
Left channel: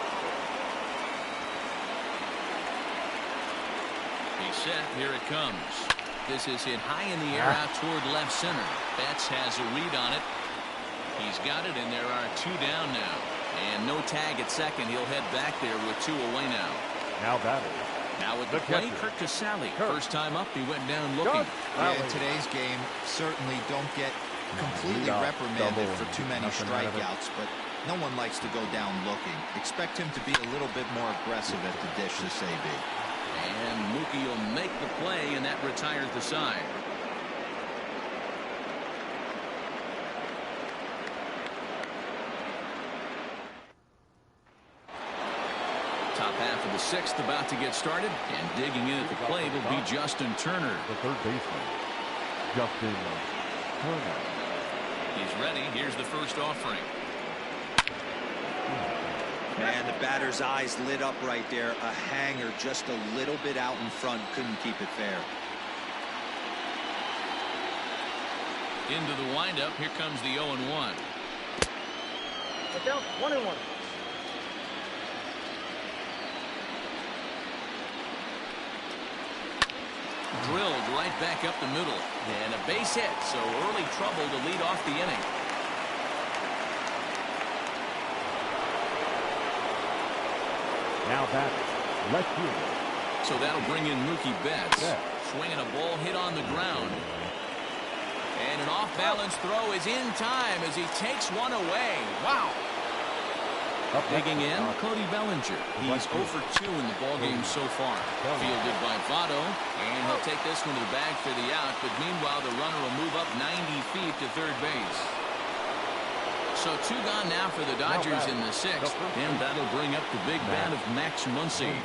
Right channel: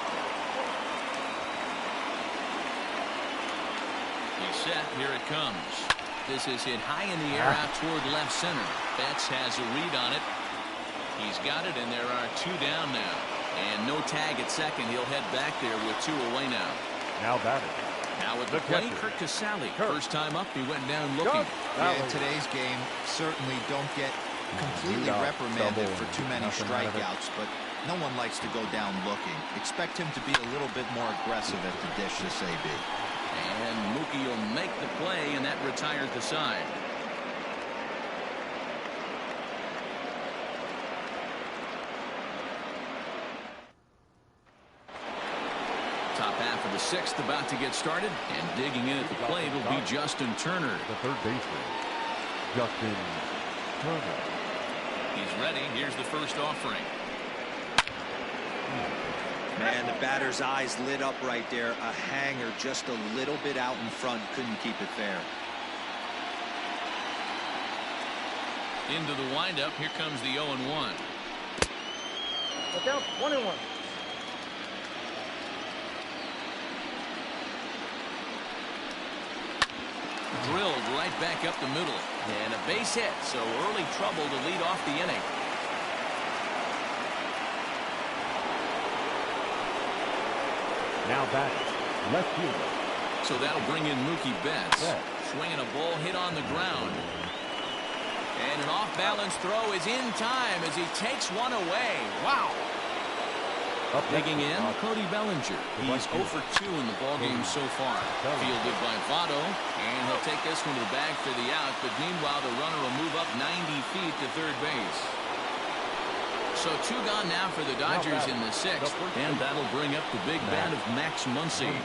He's set. Here it comes. This is hit high in the air out toward left center. Betts has a read on it. He's got it, and there are 2 down now. And no tag at second. He'll head back there with 2 away now. Now batting. Now with the plate, Kirk Casale. First time up, he went down looking. Yeah, in today's game, certainly don't get completely reprimanded for too many strikeouts, but no one likes to go down looking. Expect him to be a little bit more aggressive at the dish this AB. And Mookie will make the play, and that retires the side. Top half of the 6th about to get started, and digging in at the plate will be Justin Turner. The third baseman, Justin Turner. He's ready. Here's the first offering. Man, the batter's eyes lit up right there. A hanger just a little bit out in front. Couldn't keep it fair. Into the windup. Here comes the 0-1. Look out. 1-1. Drilled right back up the middle. And a base hit. So early trouble to lead off the inning. Now back, left fielder. So that'll bring in Mookie Betts. Swinging a ball hit on the ground. And an off-balance throw is in time as he takes one away. Wow. Digging in, Cody Bellinger. He's 0 for 2 in the ballgame so far. Fielded by Votto. And he'll take this one to the bag for the out. But meanwhile, the runner will move up 90 feet to third base. So 2 gone now for the Dodgers in the 6th. And that'll bring up the big bat of Max Muncy.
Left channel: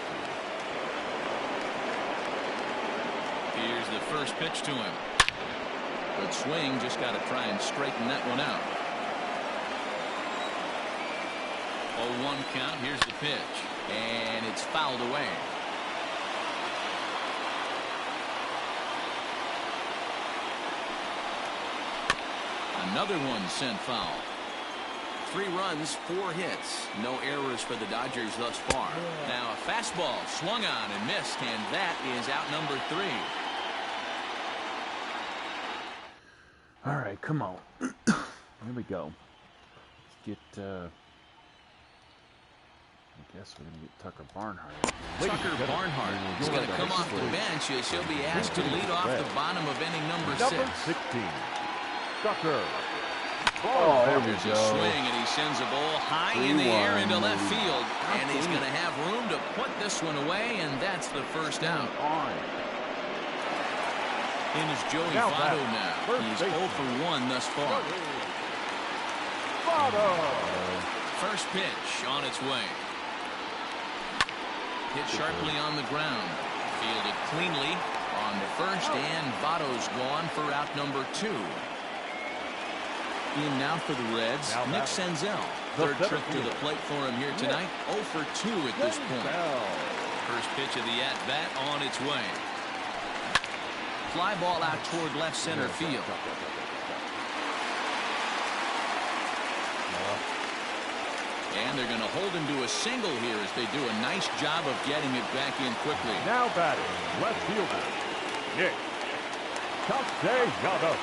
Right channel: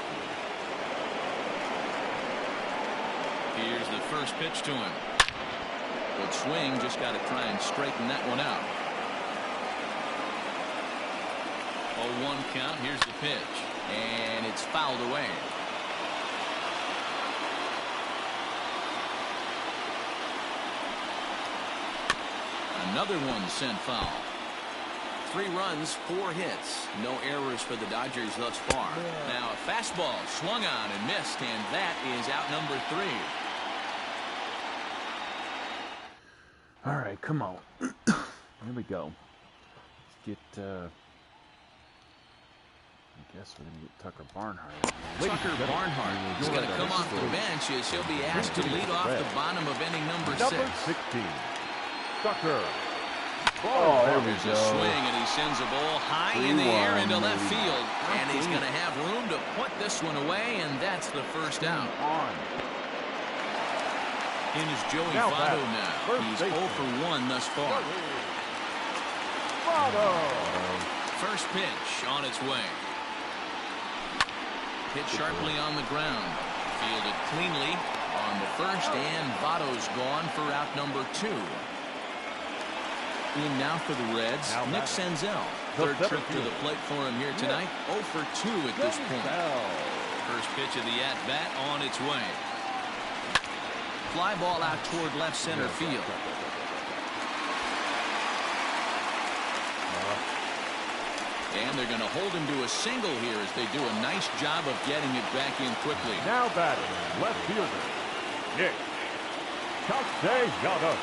Here's the first pitch to him. Good swing. Just got to try and straighten that one out. 0-1 count. Here's the pitch. And it's fouled away. Another one sent foul. 3 runs, 4 hits. No errors for the Dodgers thus far. Now a fastball swung on and missed, and that is out number 3. All right, come on. Here we go. Let's get, I guess we're going to get Tucker Barnhart. Tucker Barnhart is going to come off the bench as he'll be asked to lead off the bottom of inning number 6. Number 16, Tucker. Oh, there we There's go. a swing, and he sends a ball high in the air into left field. And he's going to have room to put this one away, and that's the first out. In is Joey Votto now. He's 0 for 1 thus far. First pitch on its way. Hit sharply on the ground. Fielded cleanly on the first, and Votto's gone for out number 2. In now for the Reds, Nick Senzel. Third trip to the plate for him here tonight. 0 for 2 at this point. First pitch of the at-bat on its way. Fly ball out toward left center field. And they're going to hold him to a single here as they do a nice job of getting it back in quickly. Now batting, left fielder, Nick Castellanos.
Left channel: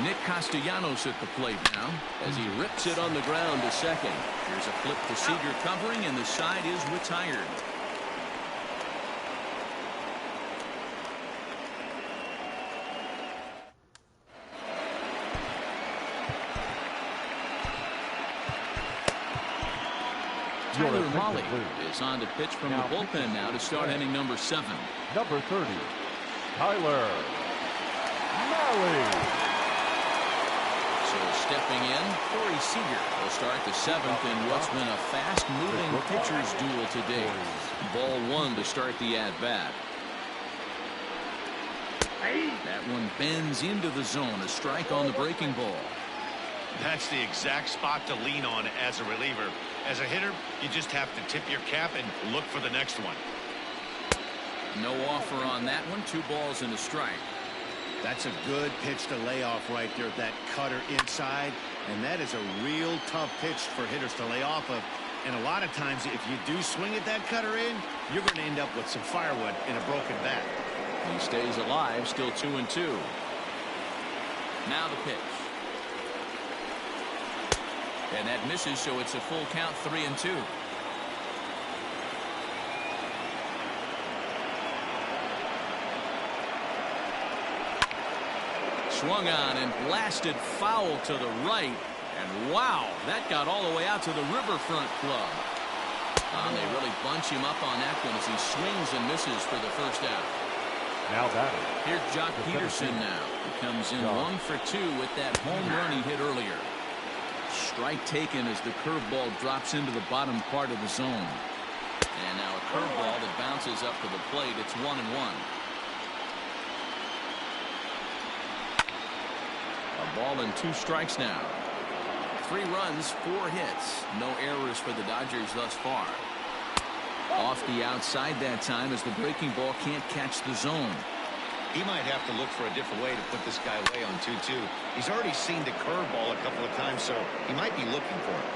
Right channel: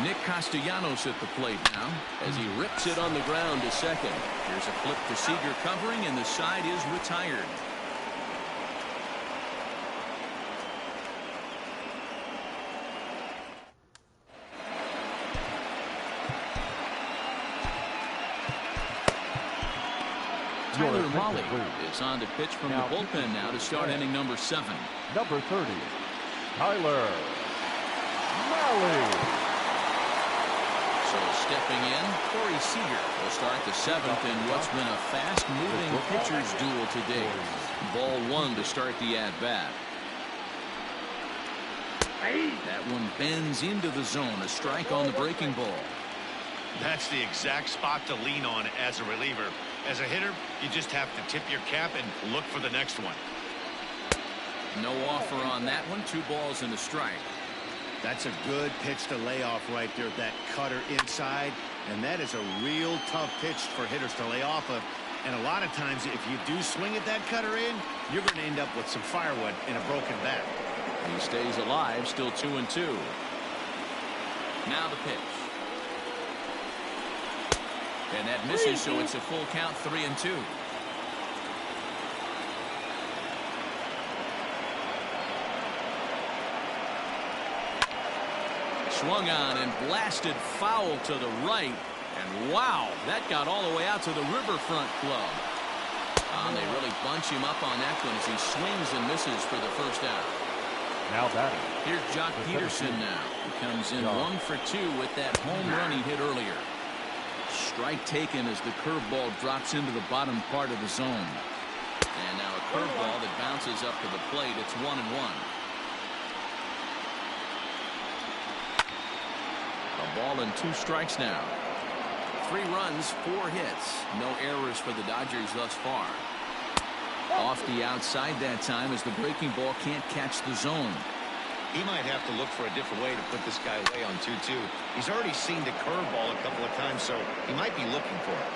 Nick Castellanos at the plate now as he rips it on the ground to second. Here's a flip to Seager covering, and the side is retired. Tyler Mahle is on to pitch from the bullpen now to start inning number 7. Number 30, Tyler Mahle. So stepping in, Corey Seager will start the 7th in what's been a fast-moving pitcher's duel today. Ball 1 to start the at-bat. That one bends into the zone. A strike on the breaking ball. That's the exact spot to lean on as a reliever. As a hitter, you just have to tip your cap and look for the next one. No offer on that one. 2 balls and a strike. That's a good pitch to lay off right there. That cutter inside. And that is a real tough pitch for hitters to lay off of. And a lot of times, if you do swing at that cutter in, you're going to end up with some firewood in a broken bat. He stays alive, still 2-2. Now the pitch. And that misses, so it's a full count, 3-2. Swung on and blasted foul to the right. And wow, that got all the way out to the Riverfront Club. And they really bunch him up on that one as he swings and misses for the first out. Now batting. Here's Jock Peterson now. He comes in 1 for 2 with that home run he hit earlier. Strike taken as the curveball drops into the bottom part of the zone. And now a curveball that bounces up to the plate. It's 1-1. A ball and 2 strikes now. 3 runs, 4 hits. No errors for the Dodgers thus far. Off the outside that time as the breaking ball can't catch the zone. He might have to look for a different way to put this guy away on 2-2. He's already seen the curveball a couple of times, so he might be looking for it.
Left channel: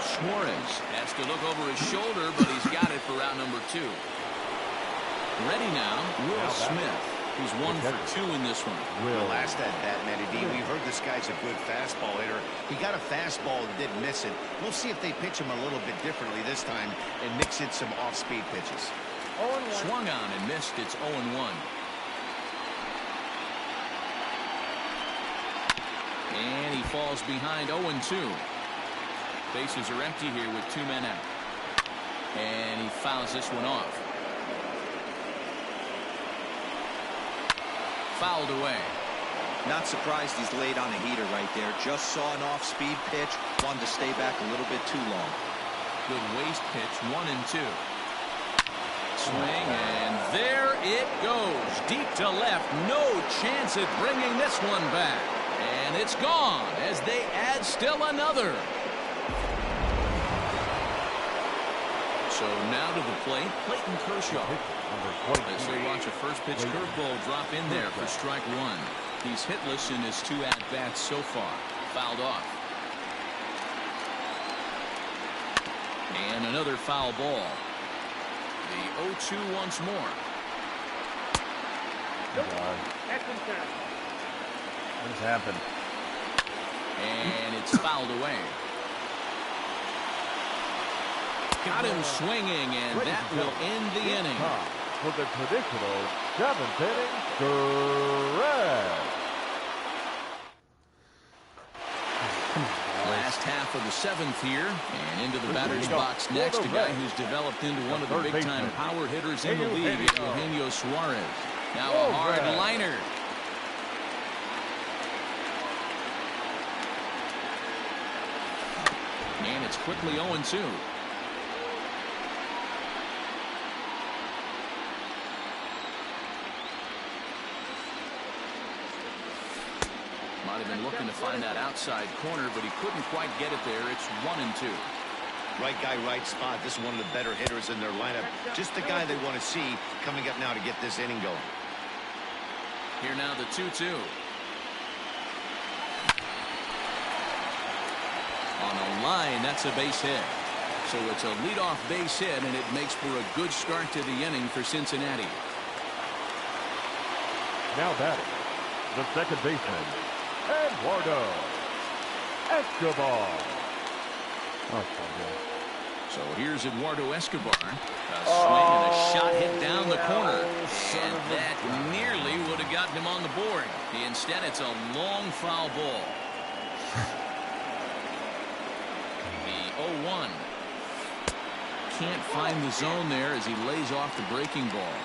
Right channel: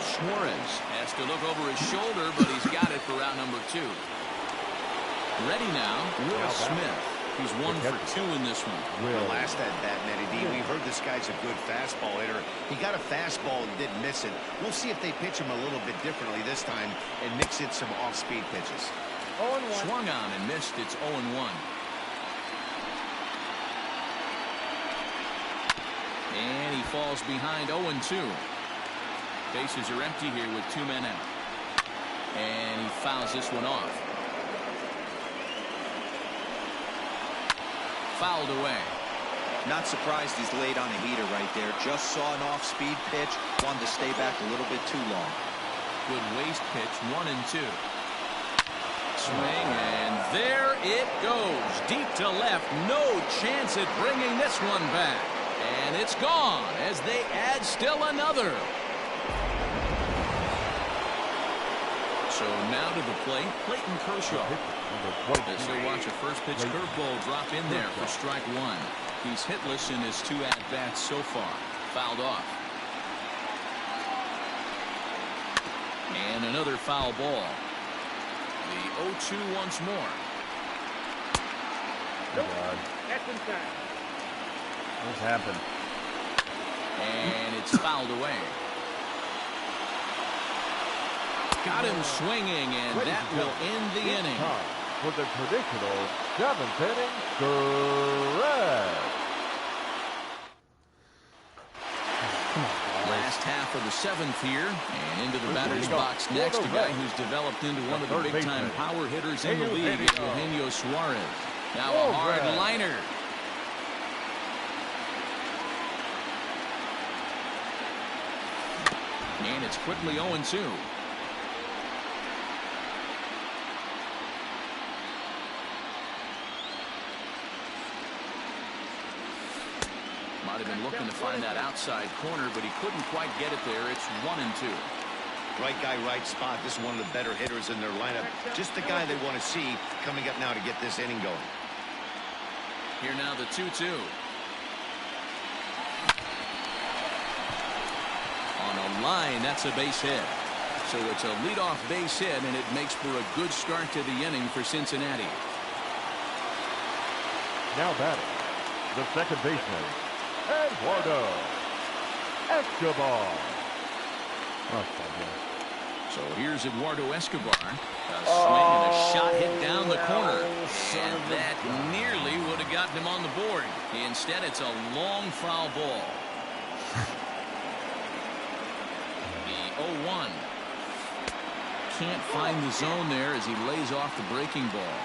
Suarez has to look over his shoulder, but he's got it for out number 2. Ready now, Will Smith. He's 1 for 2 in this one. Well, last at bat, Matty D, we heard this guy's a good fastball hitter. He got a fastball and didn't miss it. We'll see if they pitch him a little bit differently this time and mix in some off-speed pitches. 0-1. Swung on and missed. It's 0-1. And he falls behind 0-2. Bases are empty here with 2 men out. And he fouls this one off. Fouled away. Not surprised he's laid on a heater right there. Just saw an off-speed pitch. Wanted to stay back a little bit too long. Good waste pitch. 1-2. Swing, and there it goes. Deep to left. No chance at bringing this one back. And it's gone as they add still another. So now to the plate, Clayton Kershaw. As he'll watch a first pitch curveball drop in there for strike 1. He's hitless in his 2 at-bats so far. Fouled off. And another foul ball. The 0-2 once more. Nope. That's inside. What's happened? And it's fouled away. Got him swinging, and that will end the inning. For the traditional 7th inning stretch. Come on, last half of the 7th here, and into the batter's box next, a guy who's developed into one of the big-time power hitters in the league, Eugenio Suarez. Now a hard liner. And it's quickly 0-2. Might have been looking to find that outside corner, but he couldn't quite get it there. It's 1-2. Right guy, right spot. This is one of the better hitters in their lineup. Just the guy they want to see coming up now to get this inning going. Here now the 2-2. On a line, that's a base hit. So it's a leadoff base hit, and it makes for a good start to the inning for Cincinnati. Now batting, the second baseman, Eduardo Escobar. So here's Eduardo Escobar. A swing and a shot hit down the corner. And that nearly would have gotten him on the board. Instead, it's a long foul ball. The 0-1. Can't find the zone there as he lays off the breaking ball.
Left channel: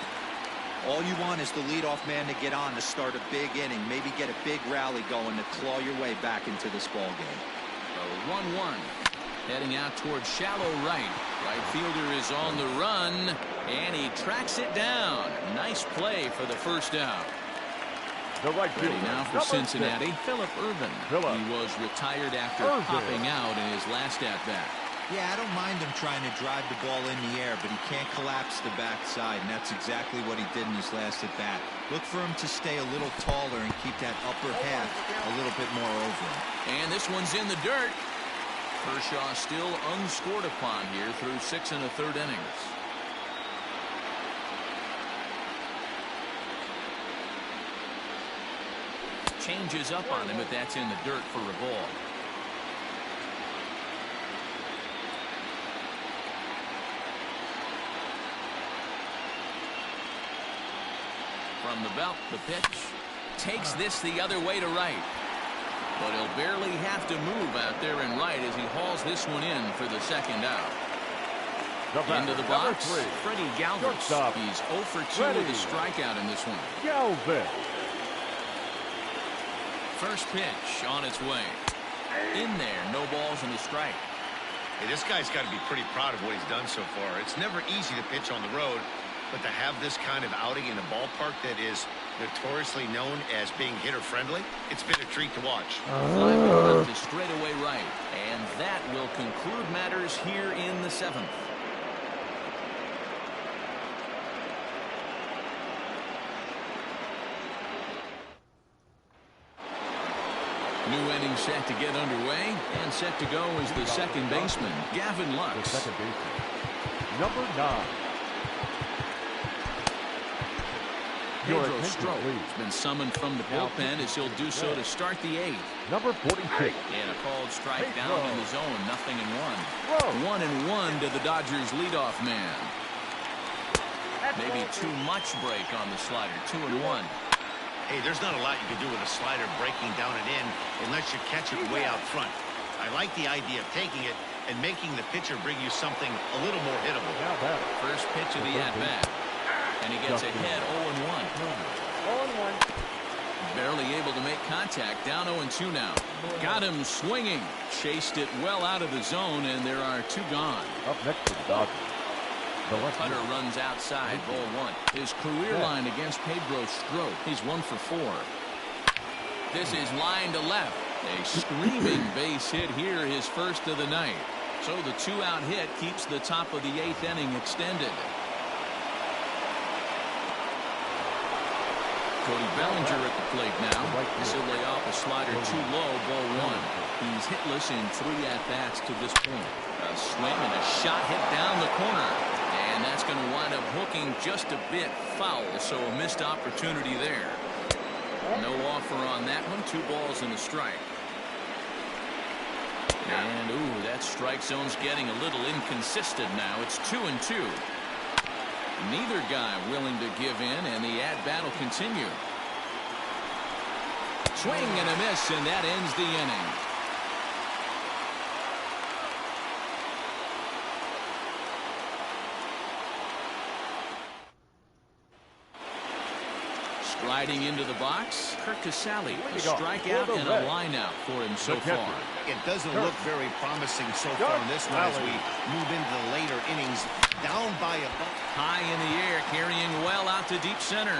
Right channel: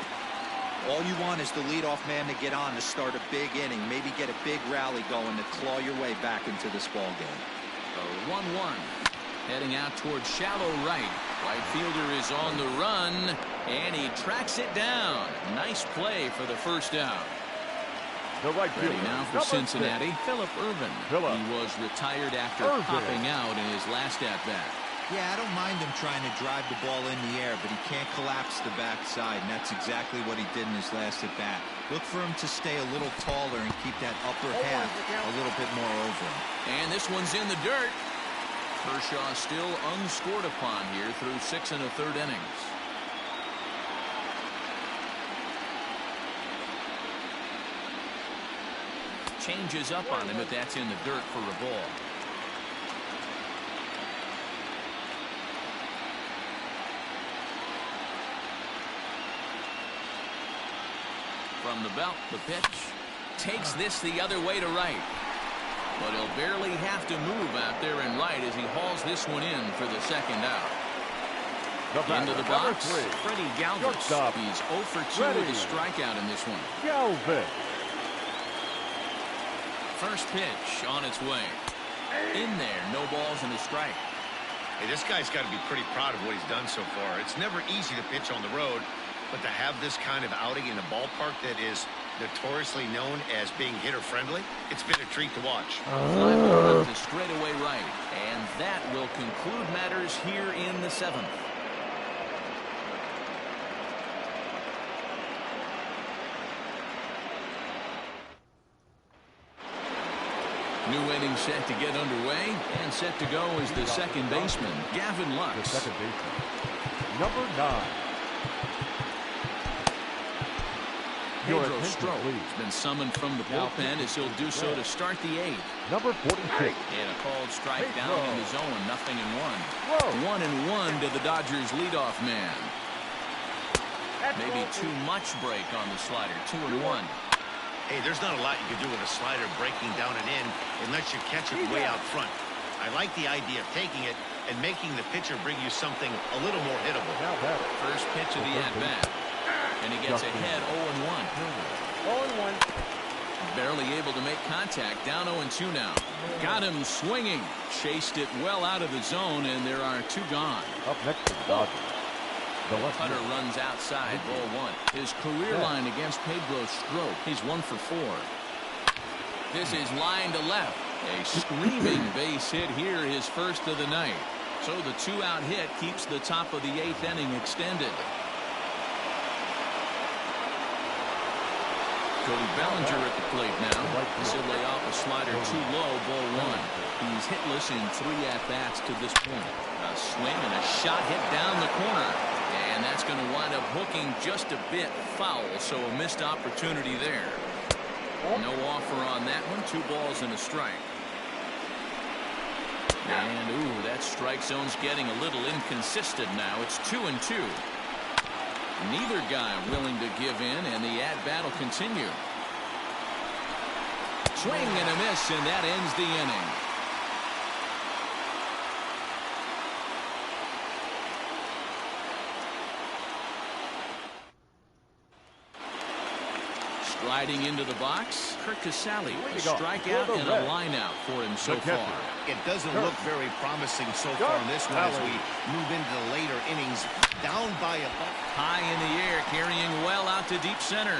All you want is the leadoff man to get on to start a big inning. Maybe get a big rally going to claw your way back into this ball game. The 1-1. Heading out towards shallow right. Right fielder is on the run, and he tracks it down. Nice play for the first out. The right fielder. Ready now for Cincinnati, Phillip Ervin. He was retired after popping out in his last at-bat. Yeah, I don't mind him trying to drive the ball in the air, but he can't collapse the backside, and that's exactly what he did in his last at-bat. Look for him to stay a little taller and keep that upper half a little bit more over him. And this one's in the dirt. Kershaw still unscored upon here through 6 1/3 innings. Changes up on him, but that's in the dirt for a ball. From the belt, the pitch takes this the other way to right. But he'll barely have to move out there and right as he hauls this one in for the second out. Into the box, Freddie Galvis. He's 0 for 2 with a strikeout in this one. Galvis. First pitch on its way. In there, no balls and a strike. Hey, this guy's got to be pretty proud of what he's done so far. It's never easy to pitch on the road, but to have this kind of outing in a ballpark that is notoriously known as being hitter-friendly, it's been a treat to watch. Fly ball out to straightaway right, and that will conclude matters here in the 7th. New inning set to get underway, and set to go is the second baseman, Gavin Lux. The second baseman, number 9. Pedro Strop has been summoned from the bullpen as he'll do so to start the 8th. Number 46. And a called strike down in the zone, 0-1. 1-1 to the Dodgers leadoff man. Maybe too much break on the slider, 2-1. Hey, there's not a lot you can do with a slider breaking down and in unless you catch it way out front. I like the idea of taking it and making the pitcher bring you something a little more hittable. First pitch of the at-bat. And he gets ahead 0-1. 0-1. Barely able to make contact. Down 0-2 now. Got him swinging. Chased it well out of the zone, and there are 2 gone. Up next to the Dodgers. The cutter runs outside, ball 1. His career line against Pedro Strop. He's 1 for 4. This is line to left. A screaming base hit here, his first of the night. So the 2-out hit keeps the top of the 8th inning extended. Cody Bellinger at the plate now. This will lay off a slider too low, ball 1. He's hitless in 3 at-bats to this point. A swing and a shot hit down the corner. And that's going to wind up hooking just a bit foul, so a missed opportunity there. No offer on that one. 2 balls and a strike. And, ooh, that strike zone's getting a little inconsistent now. It's 2-2. Neither guy willing to give in, and the at-bat will continue. Swing and a miss, and that ends the inning. Striding into the box, Kurt Casale, a strikeout and a lineout for him so far. It doesn't look very promising so far in this one as we move into the later innings. Down by a buck. High in the air, carrying well out to deep center.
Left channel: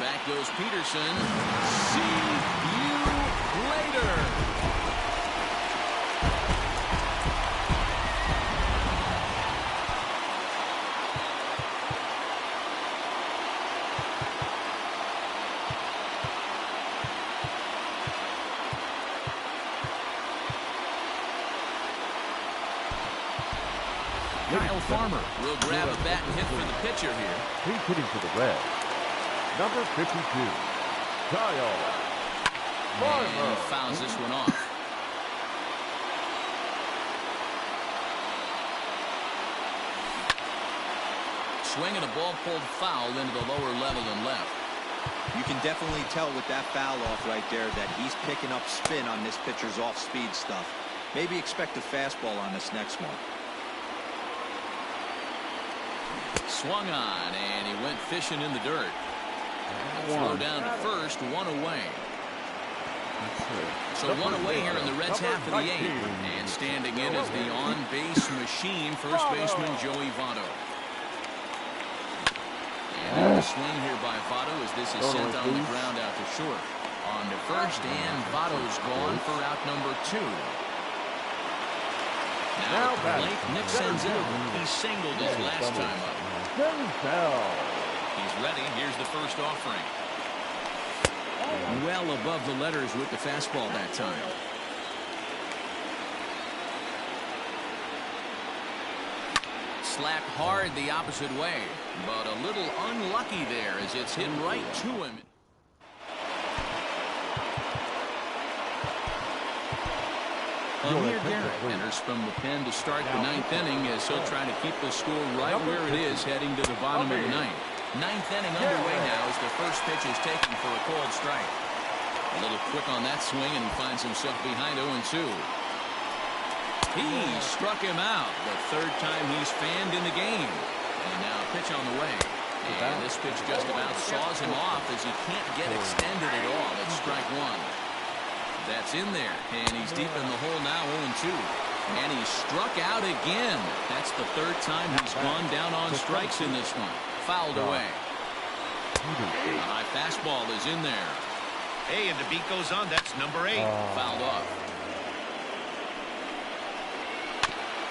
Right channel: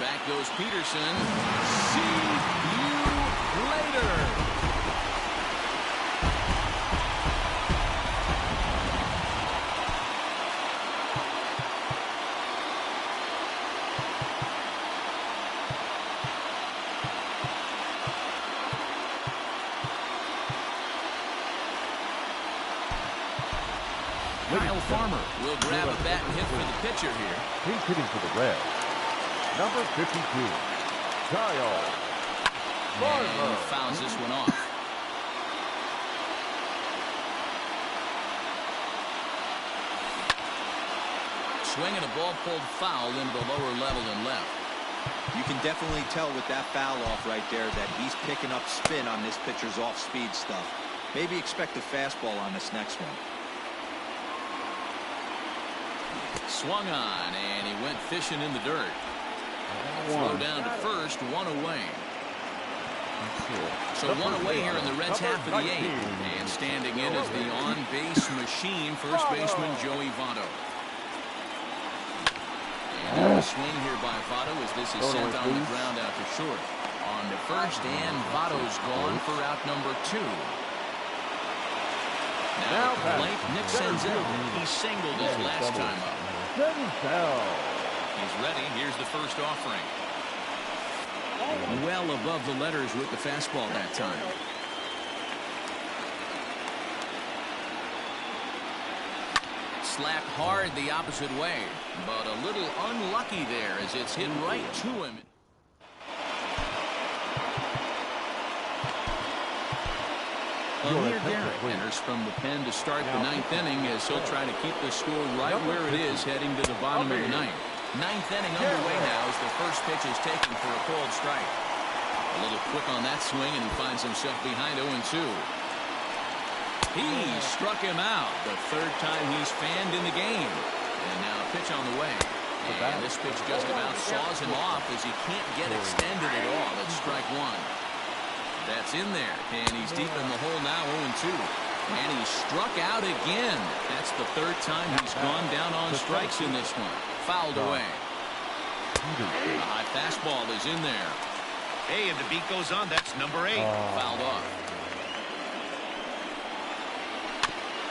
Back goes Peterson. See you later. Kyle Farmer will grab a bat and hit for the pitcher here. He's hitting for the Reds. Number 52, Kyle Farmer. And he fouls this one off. Swinging a ball pulled foul into the lower level and left. You can definitely tell with that foul off right there that he's picking up spin on this pitcher's off-speed stuff. Maybe expect a fastball on this next one. Swung on, and he went fishing in the dirt. Throw down to first, one away. So one away here in the Reds' half of the eighth. And standing in is the on-base machine, first baseman Joey Votto. And a swing here by Votto as this is sent on the ground out to short. On to first, and Votto's gone for out number 2. Now at the plate, Nick Senzel. He singled his last time up. He's ready. Here's the first offering. Well above the letters with the fastball that time. Slapped hard the opposite way, but a little unlucky there as it's hit right to him. Amir Garrett enters from the pen to start the 9th inning as he'll try to keep the score right where it is heading to the bottom of the 9th. 9th inning underway now as the first pitch is taken for a called strike. A little quick on that swing, and he finds himself behind 0-2. He struck him out the 3rd time he's fanned in the game. And now a pitch on the way. And this pitch just about saws him off as he can't get extended at all. It's strike 1. That's in there, and he's deep in the hole now, 0-2. And he's struck out again. That's the 3rd time he's gone down on strikes in this one. Fouled away. A high fastball is in there. Hey, and the beat goes on. That's number 8. Fouled off.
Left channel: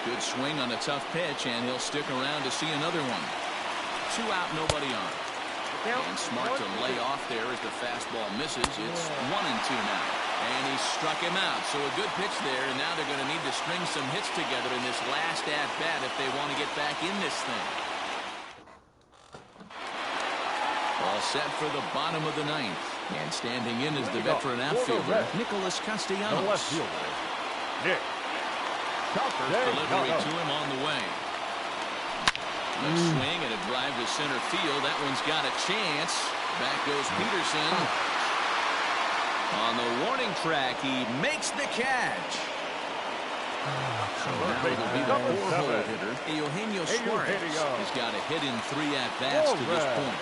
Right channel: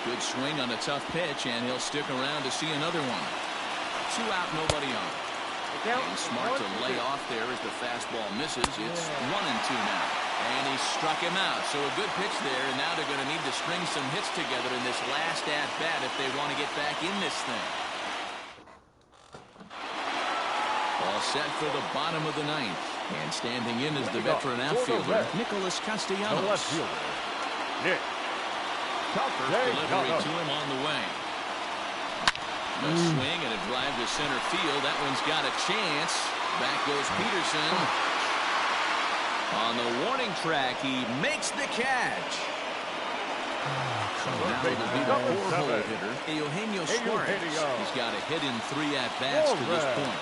Good swing on a tough pitch, and he'll stick around to see another one. 2 out, nobody on. And smart to lay off there as the fastball misses. It's 1-2 now. And he struck him out. So a good pitch there, and now they're going to need to string some hits together in this last at-bat if they want to get back in this thing. All set for the bottom of the 9th. And standing in is the veteran outfielder, Nicholas Castellanos. The left fielder, Nick. First delivery to him on the way. A swing and a drive to center field. That one's got a chance. Back goes Peterson. On the warning track, he makes the catch. So now it'll be the 4-hole hitter, Eugenio Suarez. He's got a hit in 3 at-bats to this point.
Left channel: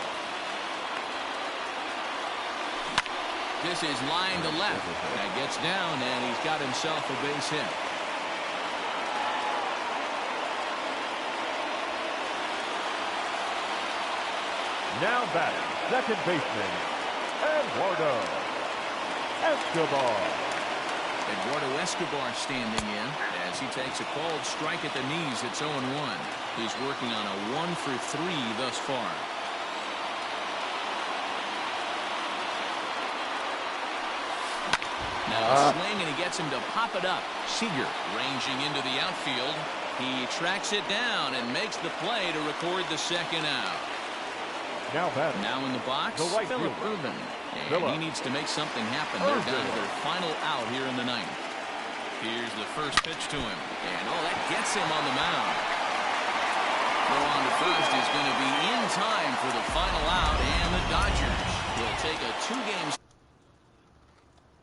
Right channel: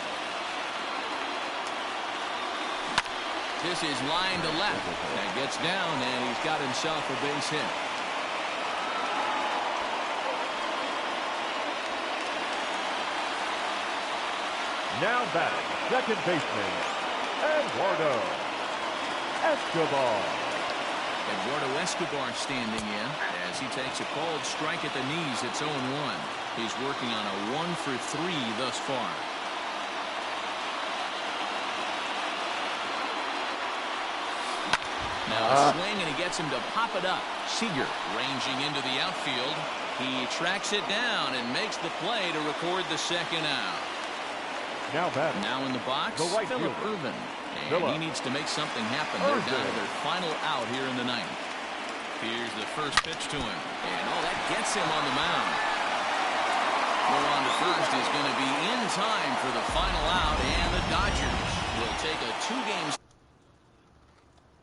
This is line to left. That gets down, and he's got himself a base hit. Now batting, second baseman, Eduardo Escobar. Eduardo Escobar standing in as he takes a called strike at the knees. It's 0-1. He's working on a 1-for-3 thus far. Now a swing, and he gets him to pop it up. Seager ranging into the outfield. He tracks it down and makes the play to record the 2nd out. Now in the box, Phillip Ervin. And he needs to make something happen. They're down to their final out here in the 9th. Here's the first pitch to him. And that gets him on the mound. Throw on to first is going to be in time for the final out, and the Dodgers will take a 2-game